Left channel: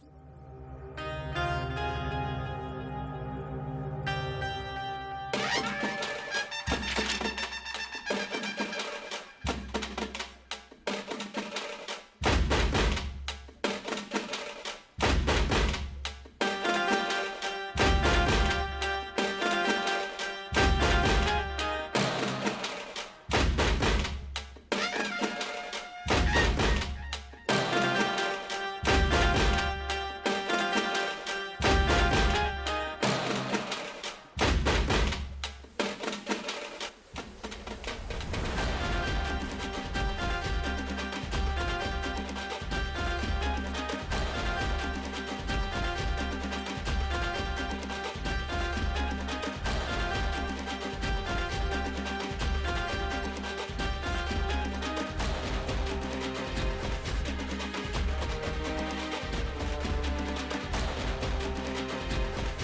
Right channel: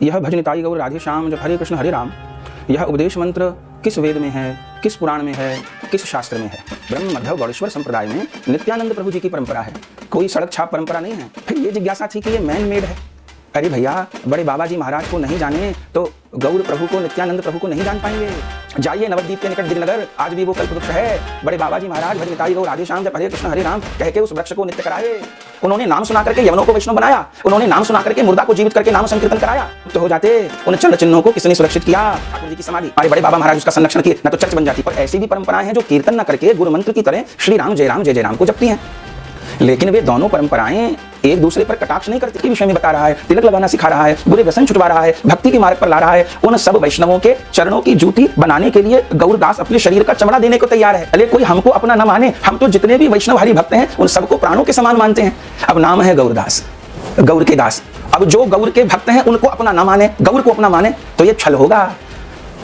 यह भज निताई गौर राधे श्याम जप हरे कृष्ण हरे राम, यह उपदेश मंत्र किस वेद में है, किस पुराण में है, किस शास्त्र में है? ब्रह्म मध्य गौड़ेश्वर संप्रदाय में नित्यानंद प्रभु जी की परंपरा है, कोई सड़क छाप परंपरा नहीं है। फिर ये जिज्ञासा थी कि ये मैन मेड है। अरे भैया, बड़े बाबा जी महाराज को नहीं जाने तो गौर प्रभु को, नित्यानंद प्रभु को नहीं जान पाएंगे। जाइए नवद्वीप के निकट गिरनगर, आज भी वो कल्पवृक्ष है। बड़े बाबा जी महाराज भज निताई गौर राधे श्याम जप हरे कृष्ण हरे राम कह के उस वृक्ष को नित्य कराए। उन्होंने नाम सुना करके यवनों को वैष्णव बनाया, उन्होंने नाम सुना करके मुर्दा को जीवित करके नाम संकीर्तन कराया। तो हो जाते उन चंद्र चिन्हों को किसने सुरक्षित किया? ठाकुर जी की समाधि। हमारे बड़े बाबा महाराज उसका संरक्षण किए, न तो चर्च बन जाती। पर ऐसी भी परंपराएं हैं जो कीर्तन न करके गुरु मंत्र की तरह श्री राम जय राम को जपती हैं। लेकिन वे दोनों परंपराएं एक दूसरे पर कटाक्ष नहीं करती। विषय में बता रहा है, तिलक लगाना सिखा रहा है, बुरे व्यसन छुटवा रहा है, भक्ति के मार्ग पर ला रहा है। उन सब वैष्णवों के चरणों की जूती बनाने के लिए गौरदास अपने शरीर का चमड़ा देने को तैयार है। अरे कोई हमको अपना न माने, हम तो जितने भी वैष्णव हरि भक्त हैं उन सबको प्राणों के समान मानते हैं। अब नाम है गौरदास, गौर के दास। अब जो गौर के भक्त हैं उनको अपना न माने, गौर को अपना माने तो ये छल होगा।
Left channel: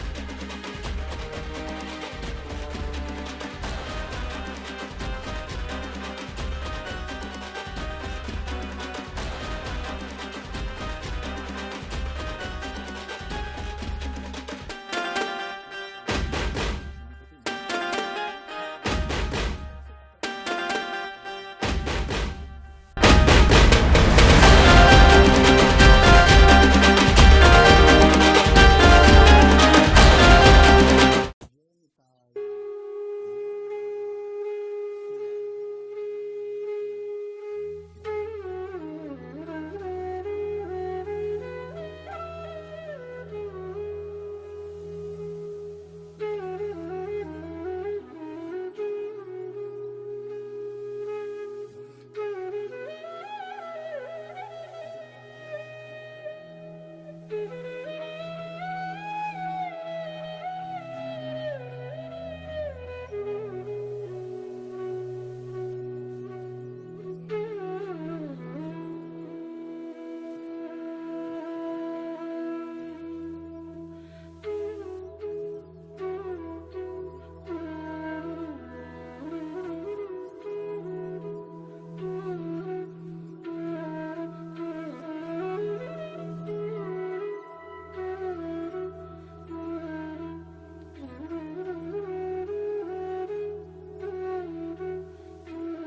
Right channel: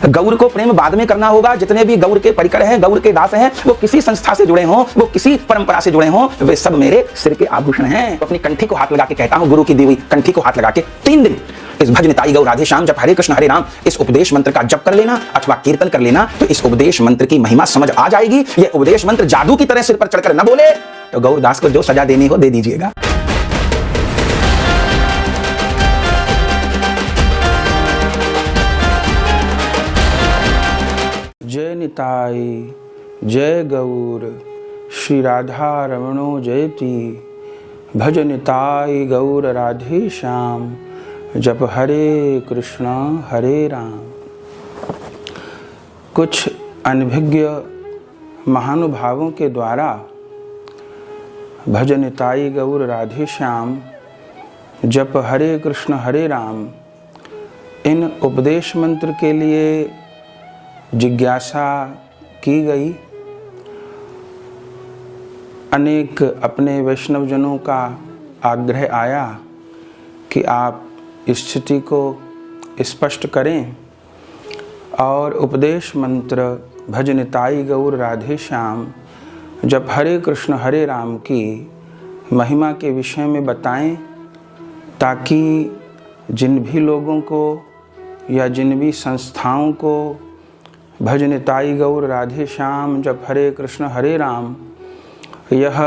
गौर को प्रेम बाद में करना होगा। जितने भी गौर के परिकर हैं, गौर के दास हैं, वो किसी संस्था से जुड़े हों, वो किसी परंपरा से जुड़े हों, वे सब मेरे सिर के आभूषण हैं। तो अपनी कंठी को हाथ लगा के कहता हूं, गुरु की दी हुई कंठी को हाथ लगा के 3 दिन इस भज निताई गौर राधे श्याम जप हरे कृष्ण हरे राम इस उपदेश मंत्र का जप कर लेना अथवा कीर्तन कर लेना, तो इस उपदेश मंत्र की महिमा समझ आ जाएगी। ये उपदेश मंत्र जादू की तरह सिर पर चढ़कर न बोले तो गौरदास को जो सजा देनी हो दे दीजिएगा। जय निताई, जय गौर, श्री राधा रमणो जयति। भज निताई गौर राधे श्याम जप हरे कृष्ण हरे राम। कुछ अनभिज्ञ महानुभावों के द्वारा भज निताई गौर राधे श्याम जप हरे कृष्ण हरे राम इन उपदेश मंत्र के लिए जिज्ञासा की गई। अनेक अपने वैष्णवजनों का आग्रह आया कि आप स्थिति को स्पष्ट करें और उपदेश मंत्र भज निताई गौर राधे श्याम जप हरे कृष्ण हरे राम की महिमा के विषय में बताएं, ताकि जिन भी लोगों को या जिन भी संस्थाओं को भज निताई गौर राधे श्याम जप हरे कृष्ण हरे राम यह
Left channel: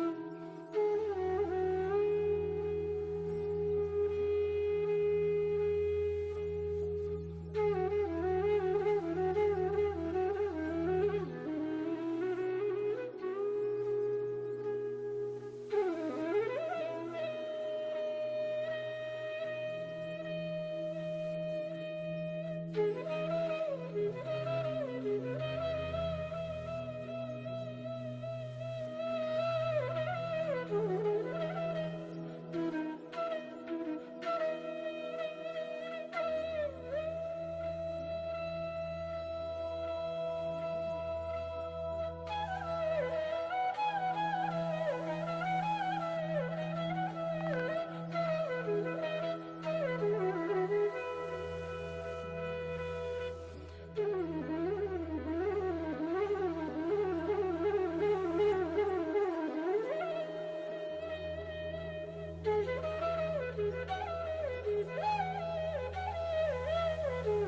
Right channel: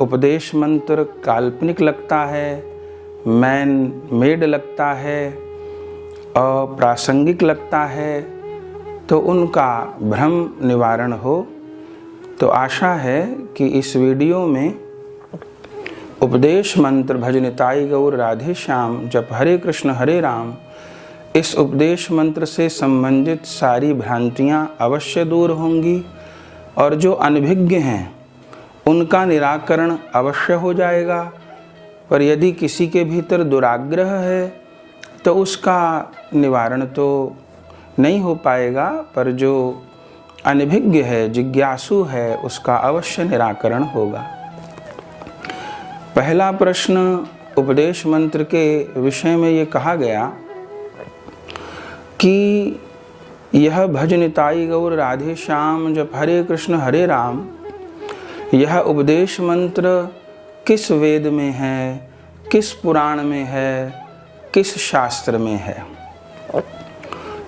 उपदेश मंत्र काल्पनिक लगता है, मैन मेड लगता है, अप्रासंगिक लगता है, तो उनका भ्रम निवारण हो। तो आशा है कि इस वीडियो में उपदेश मंत्र भज निताई गौर राधे श्याम जप हरे कृष्ण हरे राम इस उपदेश मंत्र से संबंधित सारी भ्रांतियां अवश्य दूर होंगी और जो अनभिज्ञ हैं उनका निराकरण अवश्य हो जाएगा। पर यदि किसी के भीतर दुराग्रह है तो उसका निवारण तो नहीं हो पाएगा, पर जो अनभिज्ञ है, जिज्ञासु है, उसका अवश्य निराकरण होगा। पहला प्रश्न उपदेश मंत्र के विषय में ये कहा गया कि यह भज निताई गौर राधे श्याम जप हरे कृष्ण हरे राम यह उपदेश मंत्र किस वेद में है, किस पुराण में है, किस शास्त्र में है।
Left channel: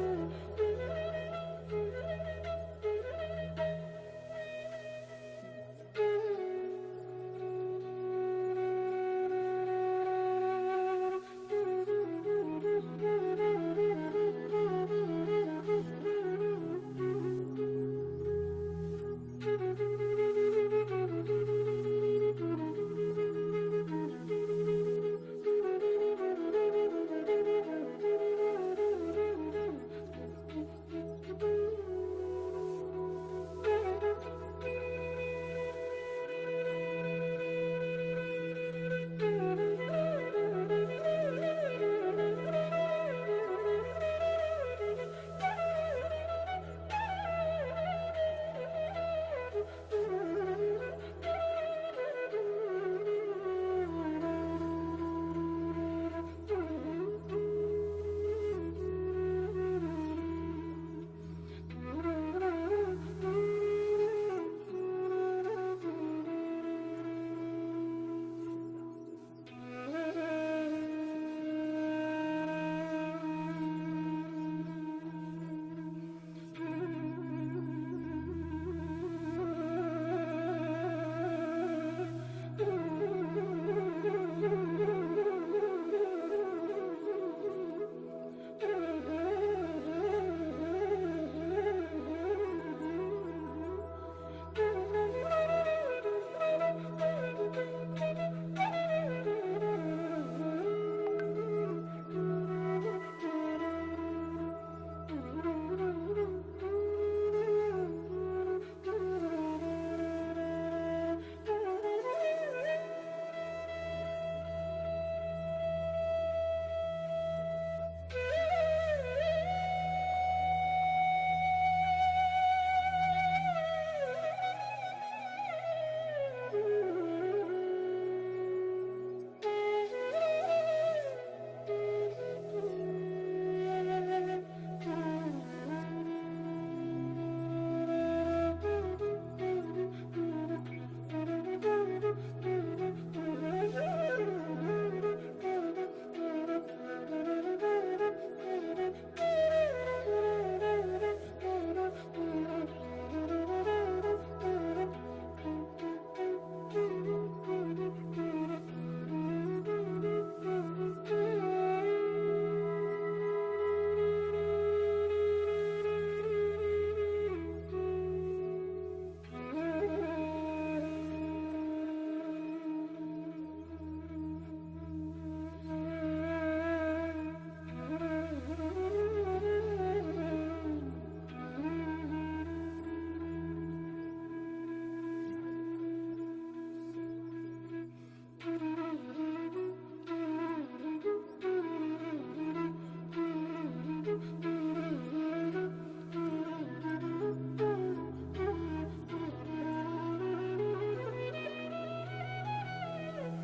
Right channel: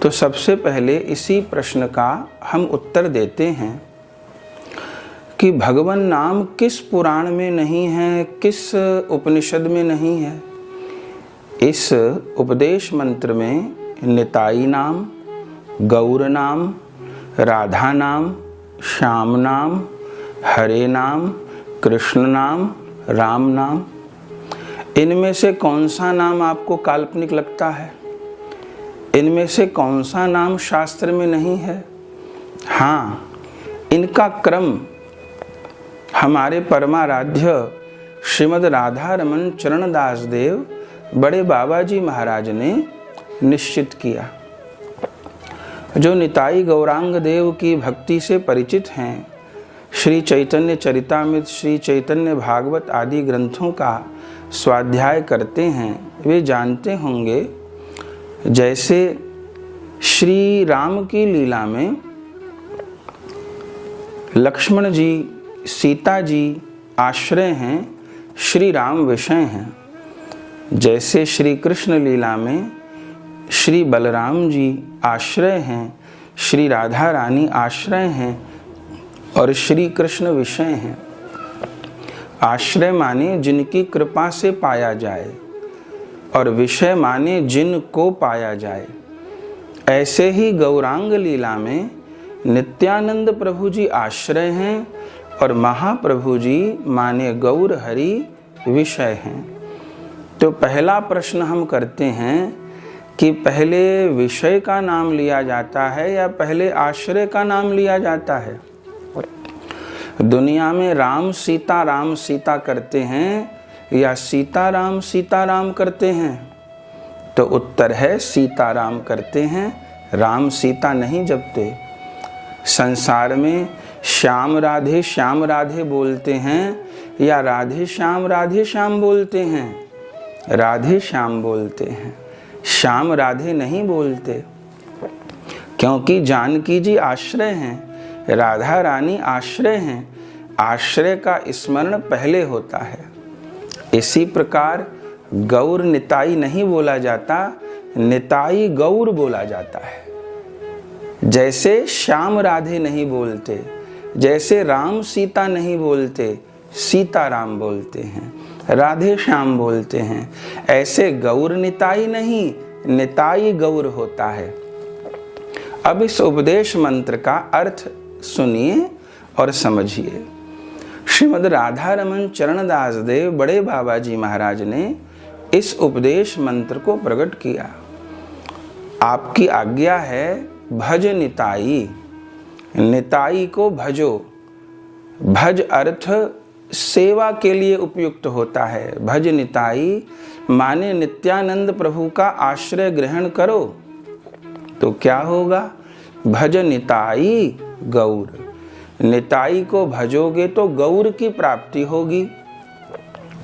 तो सबसे पहले इसी प्रश्न का हम उत्तर देते हैं कि भगवान नाम किस पुराण में नहीं है, किस उपनिषद में नहीं है। इस उपदेश मंत्र में निताई नाम, गौर नाम, राधा नाम, श्याम नाम, हरे नाम, कृष्ण नाम, राम नाम, इनमें से कौन सा नाम आपको काल्पनिक लगता है? इनमें से कौन सा नाम शास्त्र में नहीं है? हाँ, इनका क्रम हमारे परमाराध्य श्रीमद् राधा रमन चरणदास देव बड़े बाबा जी महाराज ने निश्चित किया। जो निताई गौरांग देव की भक्ति से परिचित हैं, श्री चैतन्य चरितामृत, श्री चैतन्य भागवत आदि ग्रंथों का स्वाध्याय करते हैं, वे जानते होंगे जैसे श्री राम की लीला में लक्ष्मण जी, सीता जी आश्रय हैं, श्री राम विषय हैं। जैसे श्री कृष्ण लीला में श्री बलराम जी आश्रय हैं, श्री राधा रानी आश्रय हैं और श्री कृष्ण विषय हैं। आश्रय माने जिनकी कृपा से पाया जाए और विषय माने जिनको पाया जाए। ऐसे ही गौरांग लीला में नित्यानंद प्रभु जी आश्रय हैं और महाप्रभु जी माने गौर हरि विषय हैं। तो पहला प्रश्न हम करते हैं कि पहले विषय का नाम लिया जाता है या पहले आश्रय का नाम लिया जाता है? दुनिया में राम सीता करते हैं या सीताराम करते हैं? तो उत्तर है सीताराम करते हैं, राम सीता नहीं जपते। संसार में श्याम राधे बोलते हैं या राधे श्याम बोलते हैं? राधे श्याम बोलते हैं, श्याम राधे नहीं बोलते, क्योंकि जानकी जी आश्रय हैं, राधा रानी आश्रय हैं। आश्रय का स्मरण पहले होता है। इसी प्रकार गौर निताई नहीं बोला जाता, निताई गौर बोला जाता है। जैसे श्याम राधे नहीं बोलते, जैसे राम सीता नहीं बोलते, सीताराम बोलते हैं, राधे श्याम बोलते हैं, ऐसे गौर निताई नहीं, निताई गौर होता है। अब इस उपदेश मंत्र का अर्थ सुनिए और समझिए। श्रीमद् राधा रमन चरणदास देव बड़े बाबा जी महाराज ने इस उपदेश मंत्र को प्रकट किया। आपकी आज्ञा है भज निताई, निताई को भजो। भज अर्थ सेवा के लिए उपयुक्त होता है। भज निताई माने नित्यानंद प्रभु का आश्रय ग्रहण करो, तो क्या होगा? भज निताई गौर। निताई को भजोगे तो गौर की प्राप्ति होगी।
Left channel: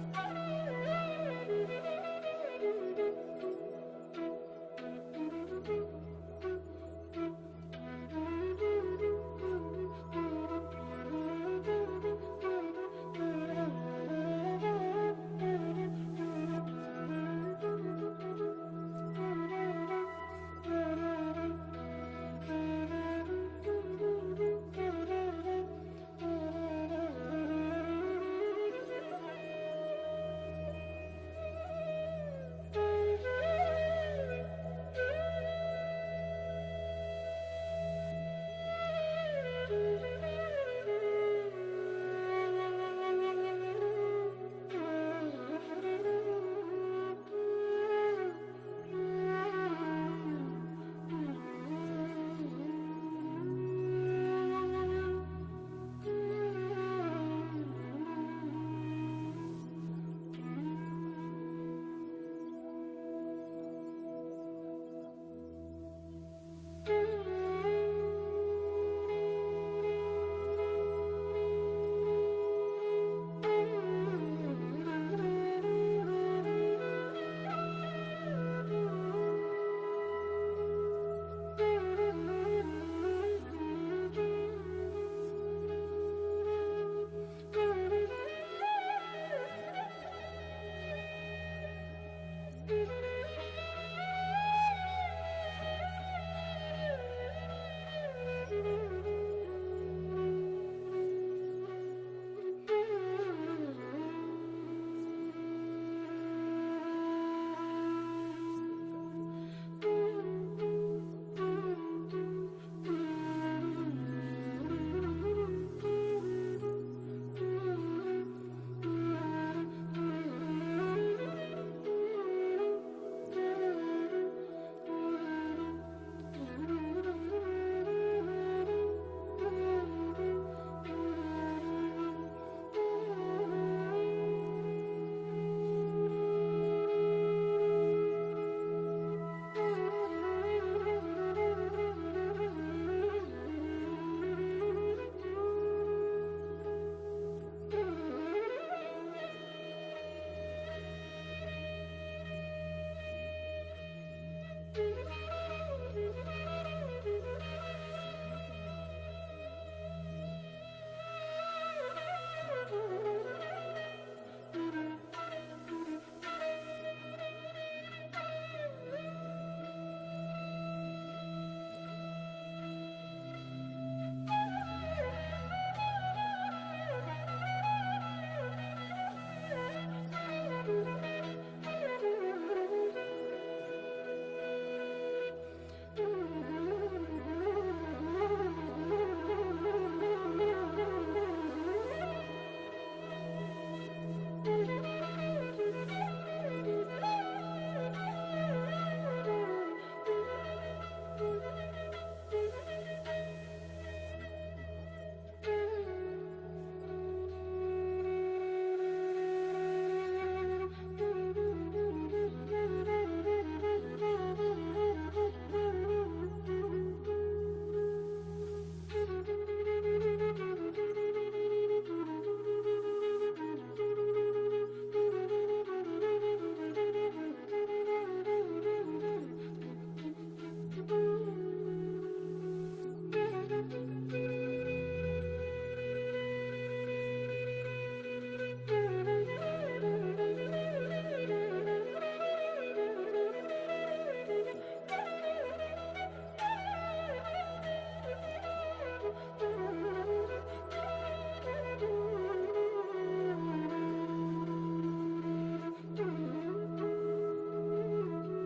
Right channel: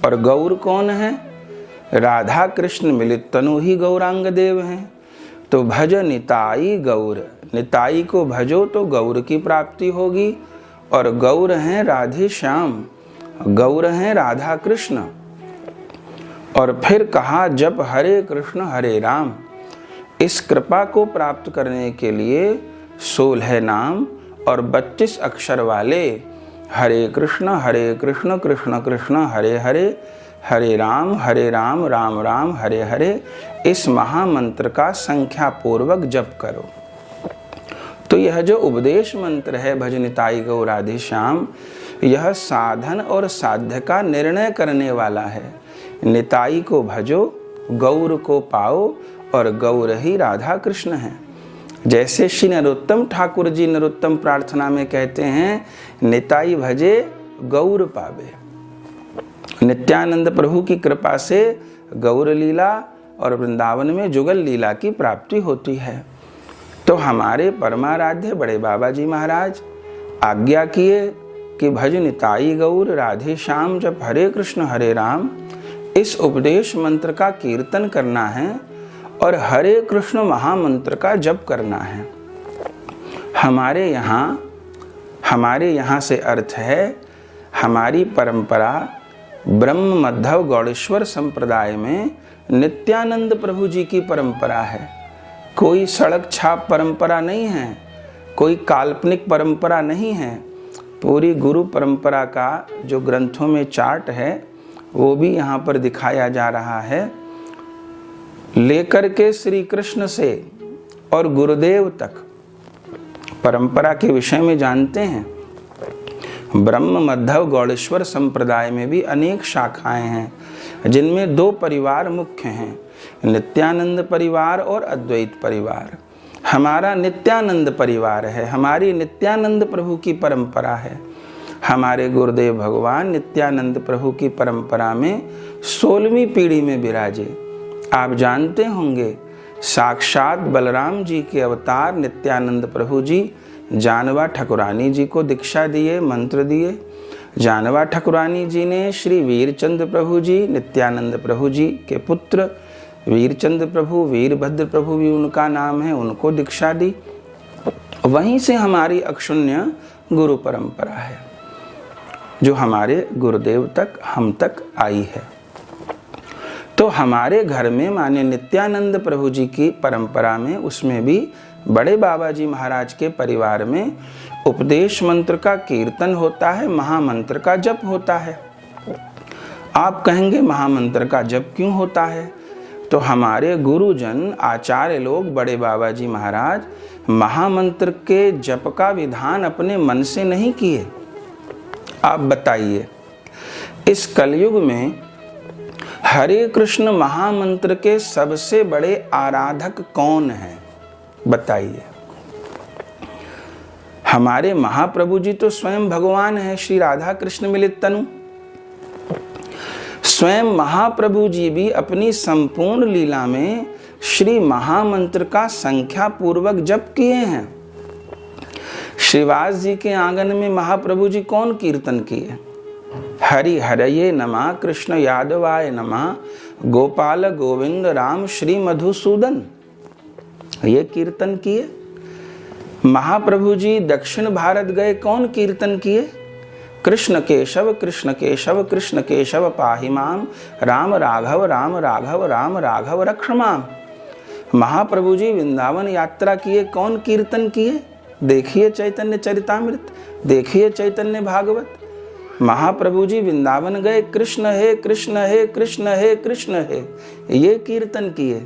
और गौर कौन है? राधा कृष्ण मिलित तनु ही गौरांग देव हैं। तो भज निताई गौर, निताई को भजो तो गौर की प्राप्ति होगी। और गौर हैं राधे श्याम, गौर हैं राधा कृष्ण। और फिर कहा जप हरे कृष्ण हरे राम। इस कृपा को प्राप्त करने के लिए 16 नाम और 32 अक्षर वाले हरे कृष्ण कृष्ण कृष्ण हरे हरे, हरे राम राम राम हरे हरे, इस महामंत्र का संख्या पूर्वक जप करो। तो यह जो उपदेश मंत्र है भज निताई गौर राधे श्याम, यह साधन और साध्य का निर्णय करने वाला है। निताई को भजो, गौर को पाओ, और गौर ही राधा कृष्ण है। जैसे श्री नरोत्तम ठाकुर जी नरोत्तम प्रार्थना में कहते हैं, निताई भजे गौर पावे। नित्यानंद प्रभु की कृपा से गौर लीला और वृंदावन में जुगल लीला की प्राप्ति होती है। तो हमारे परमाराध्य बड़े बाबा जी महाराज आज्ञा किए कि भज निताई गौर राधे श्याम जप हरे कृष्ण हरे राम। इस उपदेश मंत्र का कीर्तन करना है और हरे कृष्ण महामंत्र का जप करना है। हमारे यहाँ से अर्थ है, हमारी परंपरा ब्रह्म मध्व गौड़ेश्वर संप्रदाय में नित्यानंद प्रभु जी की परंपरा है। कोई सड़क छाप परंपरा नहीं है, कोई काल्पनिक परंपरा नहीं है। पूरी गुरु परंपरा का जो ग्रंथों में चार्ट है वो भी यहाँ पर दिखाया जा रहा है। लेकर के श्री कृष्ण से और गुरुदेव तक परंपरा के विषय में जानते हैं। ब्रह्म मध्व गौड़ेश्वर संप्रदाय में भी अनेक शाखाएं हैं, जिनमें 2 परिवार मुख्य हैं, नित्यानंद परिवार और अद्वैत परिवार। हमारा नित्यानंद परिवार है, हमारी नित्यानंद प्रभु की परंपरा है। हमारे गुरुदेव भगवान नित्यानंद प्रभु की परंपरा में 16वीं पीढ़ी में विराजे। आप जानते होंगे, साक्षात बलराम जी के अवतार नित्यानंद प्रभु जी जानवा ठकुरानी जी को दीक्षा दिए, मंत्र दिए। जानवा ठकुरानी जी ने श्री वीरचंद प्रभु जी, नित्यानंद प्रभु जी के पुत्र वीरचंद प्रभु, वीरभद्र प्रभु भी उनका नाम है, उनको दीक्षा दी। वहीं से हमारी अक्षुण्य गुरु परंपरा है, जो हमारे गुरुदेव तक, हम तक आई है। तो हमारे घर में माने नित्यानंद प्रभु जी की परंपरा में, उसमें भी बड़े बाबा जी महाराज के परिवार में उपदेश मंत्र का कीर्तन होता है, महामंत्र का जप होता है। आप कहेंगे महामंत्र का जप क्यों होता है? तो हमारे गुरुजन आचार्य लोग बड़े बाबा जी महाराज महामंत्र के जप का विधान अपने मन से नहीं किए। आप बताइए, इस कलयुग में हरे कृष्ण महामंत्र के सबसे बड़े आराधक कौन हैं? बताइए। हमारे महाप्रभु जी तो स्वयं भगवान हैं, श्री राधा कृष्ण मिलित तनु। स्वयं महाप्रभु जी भी अपनी संपूर्ण लीला में श्री महामंत्र का संख्या पूर्वक जप किए हैं। श्रीवास जी के आंगन में महाप्रभु जी कौन कीर्तन किए? हरि हरये नमः, कृष्ण यादवाय नमः, गोपाल गोविंद राम श्री मधुसूदन, ये कीर्तन किए। महाप्रभु जी दक्षिण भारत गए, कौन कीर्तन किए? कृष्ण केशव कृष्ण केशव कृष्ण केशव पाहि माम, राम राघव राम राघव राम राघव रक्ष माम। महाप्रभु जी वृंदावन यात्रा किए, कौन कीर्तन किए? देखिए चैतन्य चरितामृत, देखिए चैतन्य भागवत। महाप्रभु जी वृंदावन गए, कृष्ण है कृष्ण है कृष्ण है कृष्ण है, ये कीर्तन किए।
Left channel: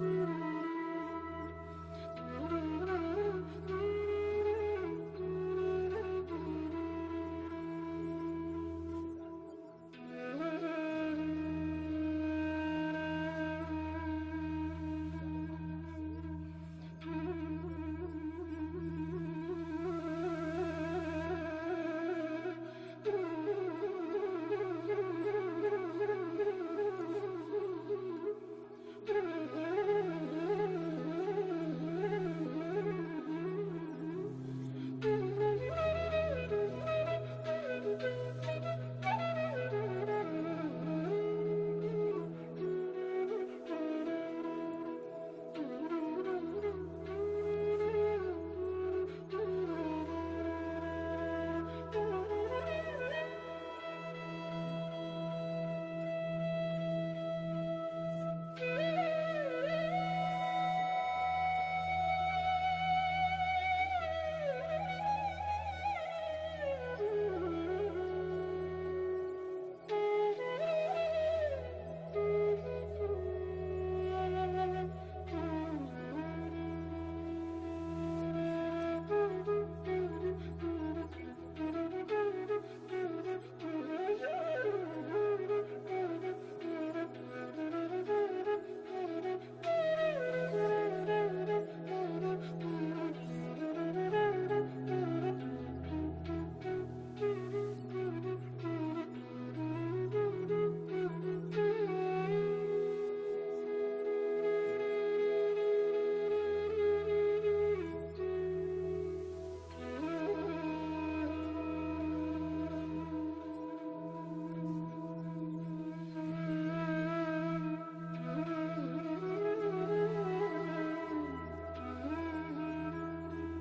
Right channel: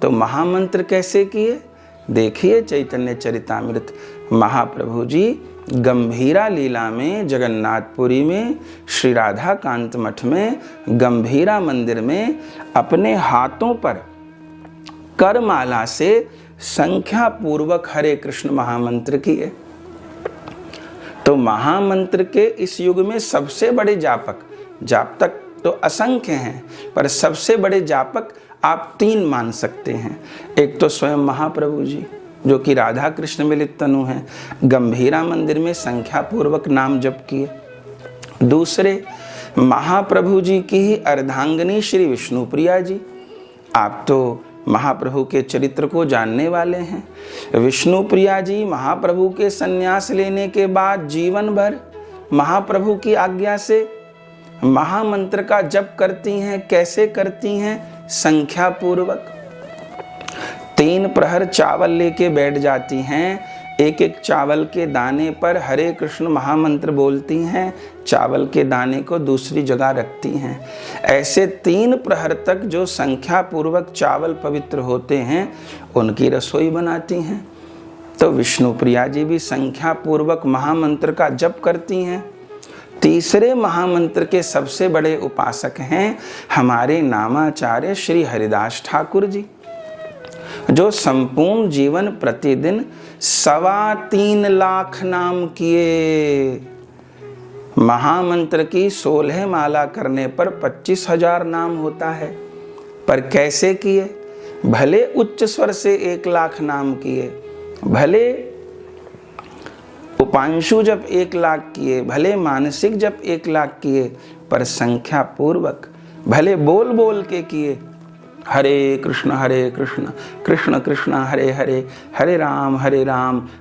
तो महामंत्र कैसे किए? देखिए चैतन्य चरितामृत। महाप्रभु जी गंभीरा लीला में, जगन्नाथपुरी में, श्री राधा कांत मठ में, गंभीरा मंदिर में अपने हाथों पर करमाला से संख्या पूर्वक हरे कृष्ण महामंत्र किए। तो महामंत्र के इस युग में सबसे बड़े जापक तो असंख्य हैं, पर सबसे बड़े जापक आप 3 मान सकते हैं। एक तो स्वयं महाप्रभु जी, जो कि राधा कृष्ण मिलित तनु हैं, गंभीरा मंदिर में संख्या पूर्वक नाम जप किए। दूसरे महाप्रभु जी की ही अर्धांगिनी श्री विष्णुप्रिया जी। आप तो महाप्रभु के चरित्र को जानने वाले हैं। विष्णुप्रिया जी महाप्रभु के संन्यास लेने के बाद जीवन भर महाप्रभु की आज्ञा से महामंत्र का जप करती हैं। कैसे करती हैं? संख्या पूर्वक। 3 प्रहर चावल लेके बैठ जाती हैं, एक एक चावल के दाने पर हरे कृष्ण महामंत्र बोलती हैं, चावल के दाने को दूसरी जगह रखती हैं। ऐसे 3 प्रहर तक जो संख्या पूर्वक चावल पवित्र होते हैं, उनकी रसोई बनाती हैं। तो विष्णुप्रिया जी भी संख्या पूर्वक महामंत्र का जप करती हैं। तीसरे महामंत्र के सबसे बड़े उपासक हैं हमारे नामाचार्य श्री हरिदास ठाकुर जी, जो संपूर्ण जीवन प्रतिदिन 3.25 लाख नाम किए। महामंत्र की 16 माला करने पर 25,000 नाम होता है, पर कैसे किए? भले उच्च स्वर से 1 लाख नाम किए, भले उपांशु जब 1 लाख किए, भले मानसिक जब 1 लाख किए, पर संख्या पूर्वक, भले बोल बोल के किए। हरे कृष्ण कृष्ण कृष्ण हरे हरे, हरे राम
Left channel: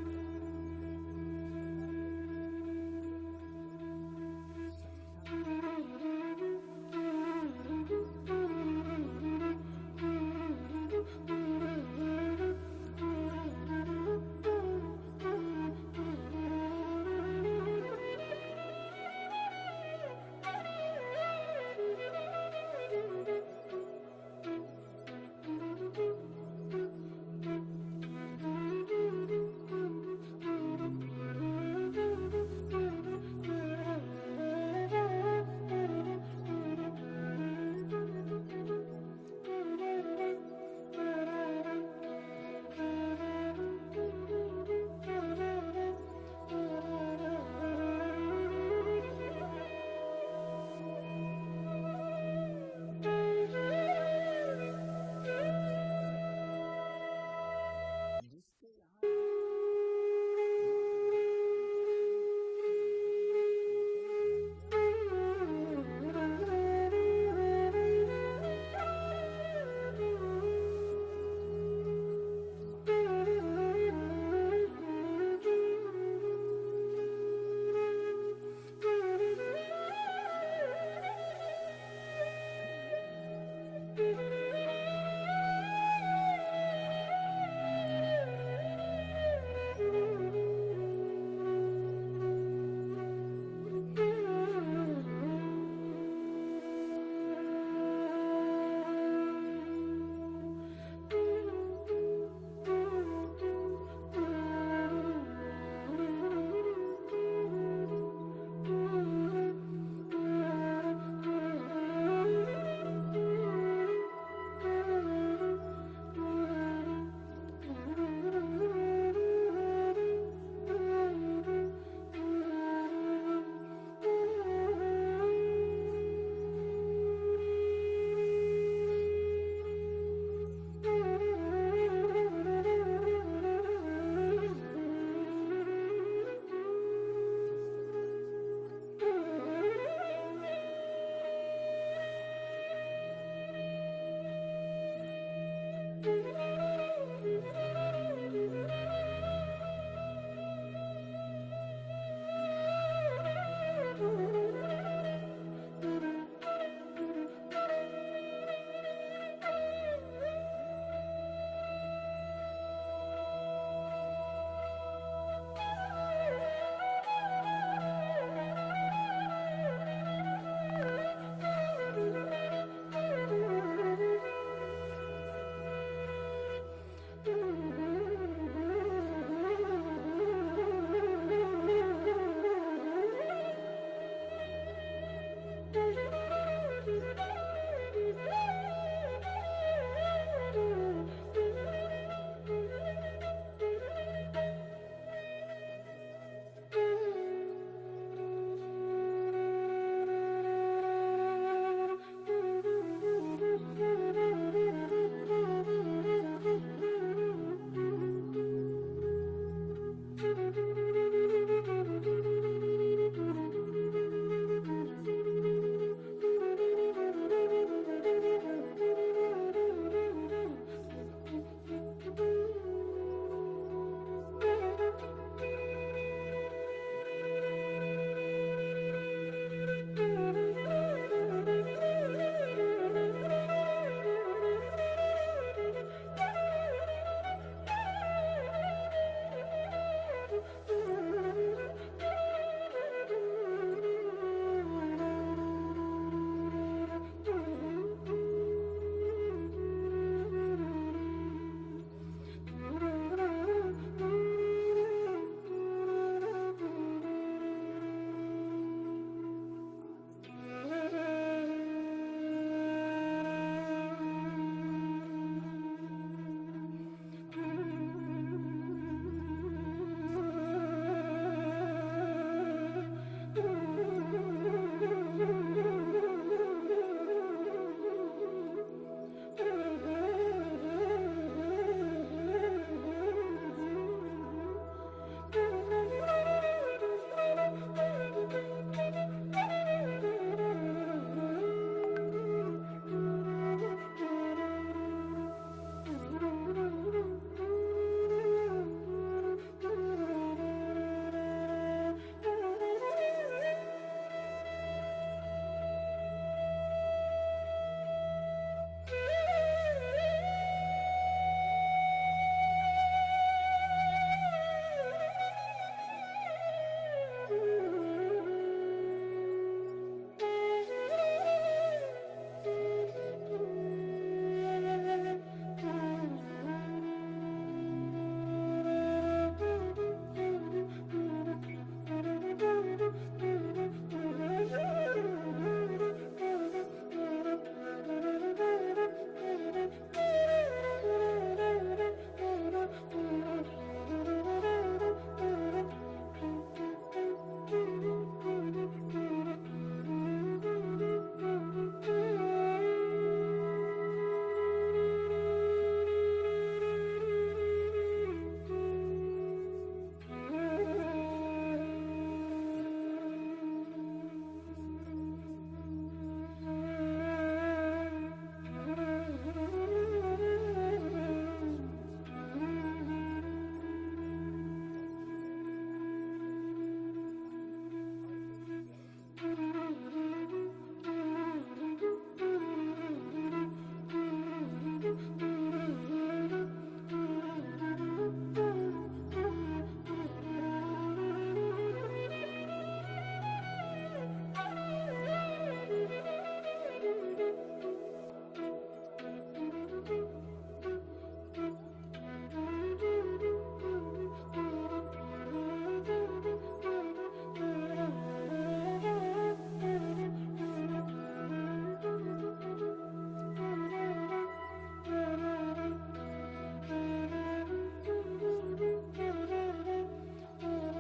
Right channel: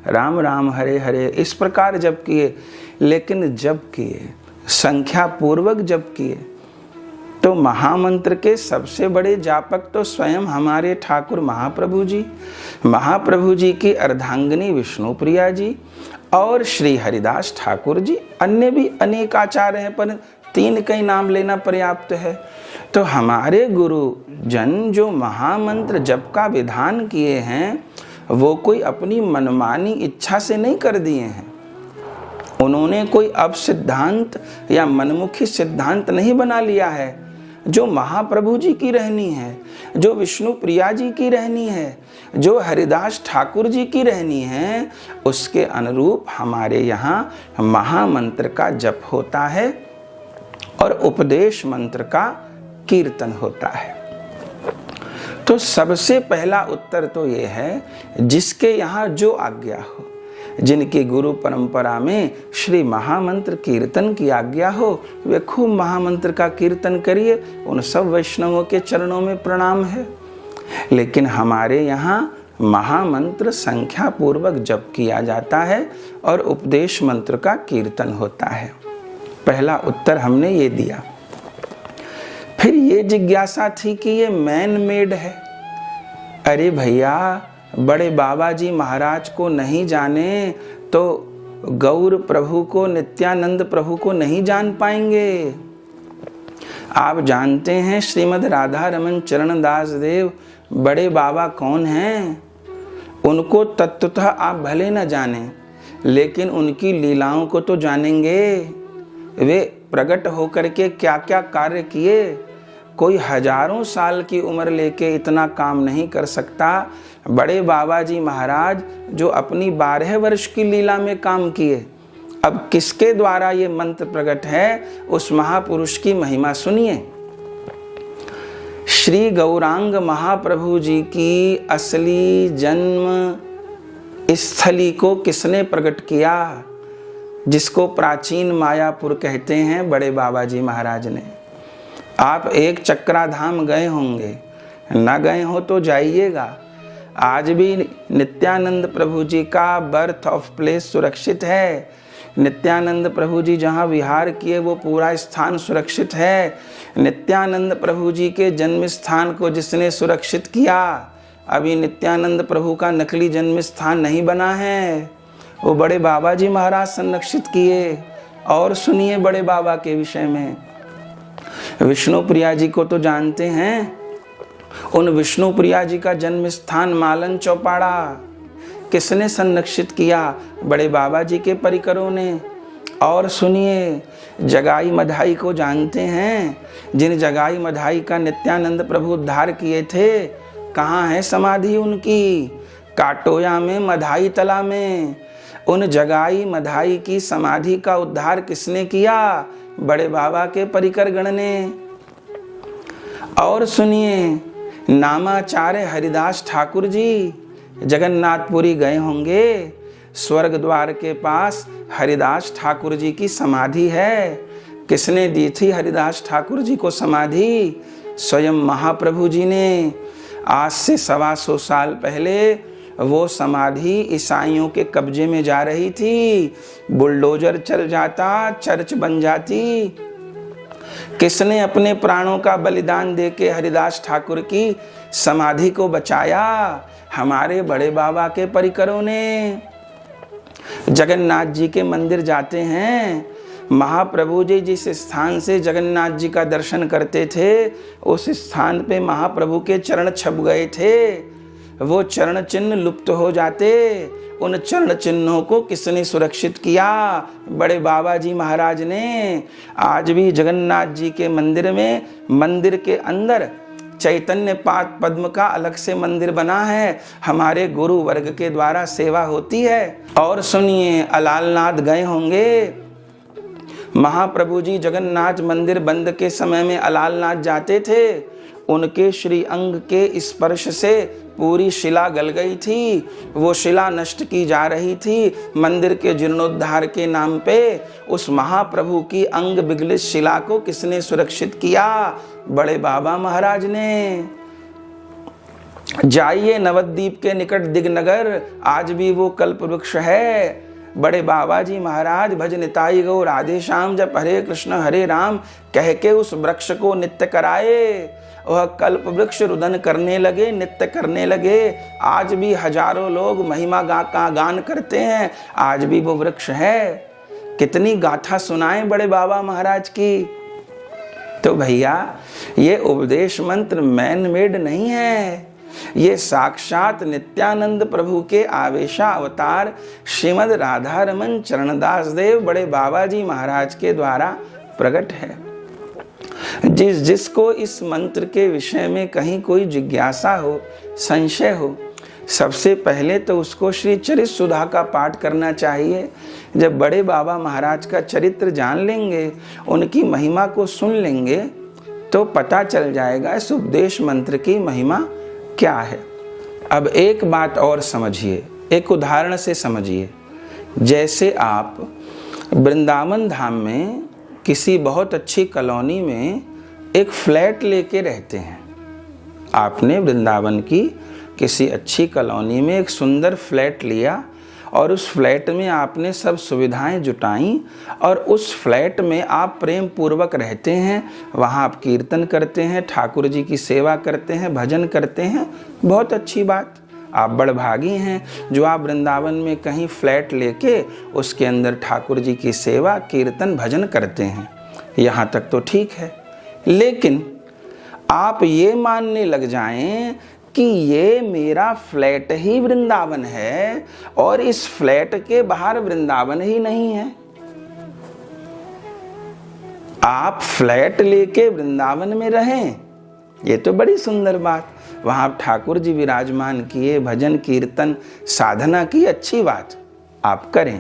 राम राम हरे हरे, इस प्रकार जब किए। लेकिन जब किए, संख्या पूर्वक जब किए, तो महामंत्र के सबसे बड़े जापक तो स्वयं हमारे ठाकुर महाप्रभु जी की अर्धांगिनी विष्णुप्रिया जी और श्री हरिदास ठाकुर जी। अन्य भी अनेक आचार्य हैं, पर 3 का ही नाम लेना पर्याप्त है। तो हमारे गुरु जन जो महामंत्र जप का विधान किए हैं, वो कोई अपनी मनमानी इच्छा से नहीं कर दिए हैं। उन्होंने कोई अब सिद्धांत या मनमुखी सिद्धांत नहीं बना लिया है। जो महाप्रभु जी की रहनी है, जो विष्णुप्रिया जी की रहनी है, जो हरिदास ठाकुर जी की रहनी है, उसके अनुरूप हमारे यहाँ महामंत्र का जप होता है और उपदेश मंत्र का कीर्तन होता है। तो सबसे पहला उत्तर तो ये है, जिसके यहाँ जो आज्ञा हो, जिनकी गुरु परंपरा में श्री महामंत्र कीर्तन की आज्ञा हो, वे खूब महामंत्र का कीर्तन करिए। उन सब वैष्णवों के चरणों में प्रणाम है। लेकिन हमारे यहाँ महामंत्र संख्या पूर्वक जप किया जाता है और उपदेश मंत्र का कीर्तन होता है। पहला उत्तर हमने ये दिया। फिर ये जिज्ञासा थी कि ये मैन मेड है। अरे भैया, बड़े बाबा जी महाराज को नहीं जाने तो गौर प्रभु को, नित्यानंद प्रभु को नहीं जान पाएंगे। आप जानते हैं श्रीमद् राधा रमन चरण दास देव बड़े बाबा कौन हैं? उनको तत्वतः आप भले न जाने, लेकिन उनकी लीलाओं को तो जानेंगे। वे प्रकट होकर के क्या क्या कार्य किए, कोई हजारों साल की उम्र लेके इतना काम नहीं कर सकता। बड़े बाबा जी महाराज जो अपनी 12 वर्ष की लीला में काम किए, अब किसके द्वारा ये मंत्र प्रकट है, उस महापुरुष की महिमा सुनिए। श्री गौरांग महाप्रभु जी की असली जन्म स्थली को किसने प्रकट किया, जिसको प्राचीन मायापुर कहते हैं, बड़े बाबा जी महाराज ने। आप एक चक्राधाम गए होंगे, न गए हो तो जाइएगा। आज भी नित्यानंद प्रभु जी का बर्थ ऑफ प्लेस सुरक्षित है। नित्यानंद प्रभु जी जहाँ विहार किए वो पूरा स्थान सुरक्षित है। नित्यानंद प्रभु जी के जन्म स्थान को जिसने सुरक्षित किया, अभी नित्यानंद प्रभु का नकली जन्म स्थान नहीं बना है, वो बड़े बाबा जी महाराज संरक्षित किए। और सुनिए बड़े बाबा के विषय में। विष्णु प्रिया जी को तो जानते हैं, उन विष्णु प्रिया जी का जन्म स्थान मालन चौपाड़ा किसने संरक्षित किया, बड़े बाबा जी के परिकरों ने। और सुनिए, जगाई मधाई को जानते हैं, जिन जगाई मधाई का नित्यानंद प्रभु उद्धार किए थे, कहाँ है समाधि उनकी? काटोया में, मधाई तला में। उन जगाई मधाई की समाधि का उद्धार किसने किया? बड़े बाबा के परिकर गण ने। और सुनिए, नामाचार्य हरिदास ठाकुर जी जगन्नाथपुरी गए होंगे, स्वर्ग द्वार के पास हरिदास ठाकुर जी की समाधि है। किसने दी थी हरिदास ठाकुर जी को समाधि? स्वयं महाप्रभु जी ने। आज से 125 साल पहले वो समाधि ईसाइयों के कब्जे में जा रही थी। बुलडोजर चल जाता, चर्च बन जाती। किसने अपने प्राणों का बलिदान देके हरिदास ठाकुर की समाधि को बचाया? हमारे बड़े बाबा के परिकरों ने। जगन्नाथ जी के मंदिर जाते हैं, महाप्रभु जी जिस स्थान से जगन्नाथ जी का दर्शन करते थे, उस स्थान पे महाप्रभु के चरण छप गए थे। वो चरण चिन्ह लुप्त हो जाते। उन चरण चिन्हों को किसने सुरक्षित किया? बड़े बाबा जी महाराज ने। आज भी जगन्नाथ जी के मंदिर में, मंदिर के अंदर चैतन्य पाद पद्म का अलग से मंदिर बना है। हमारे गुरु वर्ग के द्वारा सेवा होती है। और सुनिए, अलालनाथ गए होंगे, महाप्रभु जी जगन्नाथ मंदिर बंद के समय में अलालनाथ जाते थे। उनके श्री अंग के स्पर्श से पूरी शिला गल गई थी। वो शिला नष्ट की जा रही थी। मंदिर के जीर्णोद्धार के नाम पे उस महाप्रभु की अंग विगलित शिला को किसने सुरक्षित किया? बड़े बाबा महाराज ने। जाइए नवद्वीप के निकट दिगनगर, आज भी वो कल्प वृक्ष है। बड़े बाबा जी महाराज भज निताई गौ राधे श्याम, जब हरे कृष्ण हरे राम कह के उस वृक्ष को नित्य कराए। वह कल्प वृक्ष रुदन करने लगे, नित्य करने लगे। आज भी हजारों लोग महिमा का गान करते हैं। आज भी वो वृक्ष है। कितनी गाथा सुनाएं बड़े बाबा महाराज की। तो भैया, ये उपदेश मंत्र मैन मेड नहीं है, ये साक्षात नित्यानंद प्रभु के आवेशा अवतार श्रीमद् राधा रमन चरणदास देव बड़े बाबा जी महाराज के द्वारा प्रकट है। जिसको इस मंत्र के विषय में कहीं कोई जिज्ञासा हो, संशय हो, सबसे पहले तो उसको श्री चरित सुधा का पाठ करना चाहिए। जब बड़े बाबा महाराज का चरित्र जान लेंगे, उनकी महिमा को सुन लेंगे, तो पता चल जाएगा इस उपदेश मंत्र की महिमा क्या है। अब एक बात और समझिए, एक उदाहरण से समझिए। जैसे आप वृंदावन धाम में किसी बहुत अच्छी कॉलोनी में एक फ्लैट लेके रहते हैं। आपने वृंदावन की किसी अच्छी कॉलोनी में एक सुंदर फ्लैट लिया और उस फ्लैट में आपने सब सुविधाएं जुटाई और उस फ्लैट में आप प्रेम पूर्वक रहते हैं, वहाँ आप कीर्तन करते हैं, ठाकुर जी की सेवा करते हैं, भजन करते हैं, बहुत अच्छी बात। आप बड़भागी हैं जो आप वृंदावन में कहीं फ्लैट लेके उसके अंदर ठाकुर जी की सेवा, कीर्तन, भजन करते हैं, यहाँ तक तो ठीक है। लेकिन आप ये मानने लग जाएं कि ये मेरा फ्लैट ही वृंदावन है और इस फ्लैट के बाहर वृंदावन ही नहीं है। आप फ्लैट लेके वृंदावन में रहें, ये तो बड़ी सुंदर बात। वहां आप ठाकुर जी विराजमान किए, भजन कीर्तन साधना की, अच्छी बात आप करें।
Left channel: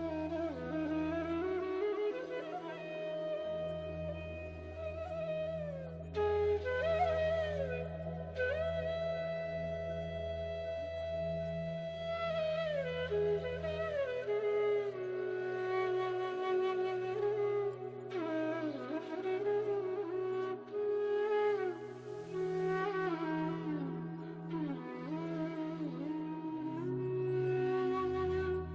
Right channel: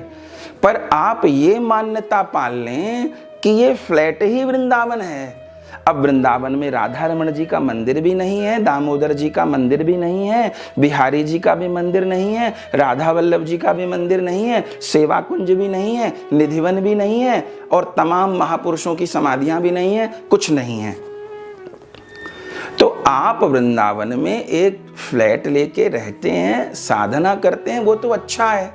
पर आप ये मान्यता पाल लें कि ये फ्लैट ही वृंदावन है। अब वृंदावन में राधा रमण जी का मंदिर भी नहीं है, दामोदर जी का मंदिर भी नहीं है, बिहारी जी का भी मंदिर नहीं है, राधा वल्लभ जी का भी मंदिर नहीं है, सेवा कुंज भी नहीं है, निधिवन भी नहीं है और तमाम महापुरुषों की समाधियां भी नहीं है, कुछ नहीं है। तो आप वृंदावन में एक फ्लैट लेके रहते हैं, साधना करते हैं, वो तो अच्छा है,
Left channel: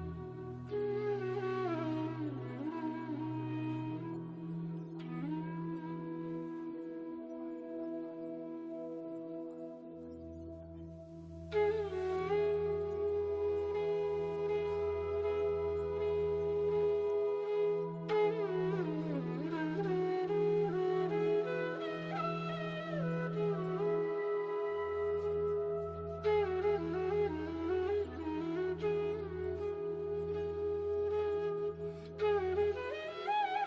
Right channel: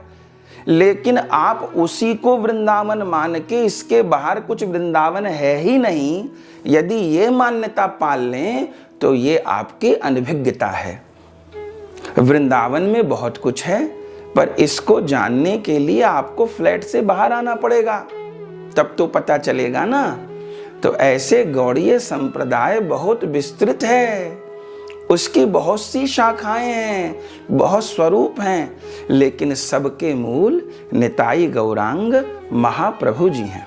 लेकिन आप उसी को वृंदावन मान के इसके बाहर कुछ वृंदावन है ही नहीं, यदि ये मान्यता पाल लें तो ये आपकी अनभिज्ञता है। वृंदावन में बहुत कुछ है, पर इसको जानने के लिए आपको फ्लैट से बाहर आना पड़ेगा, तब तो पता चलेगा ना। तो ऐसे गौड़ीय संप्रदाय बहुत विस्तृत है, उसकी बहुत सी शाखाएं हैं, बहुत स्वरूप हैं, लेकिन सबके मूल निताई गौरांग महाप्रभु जी हैं।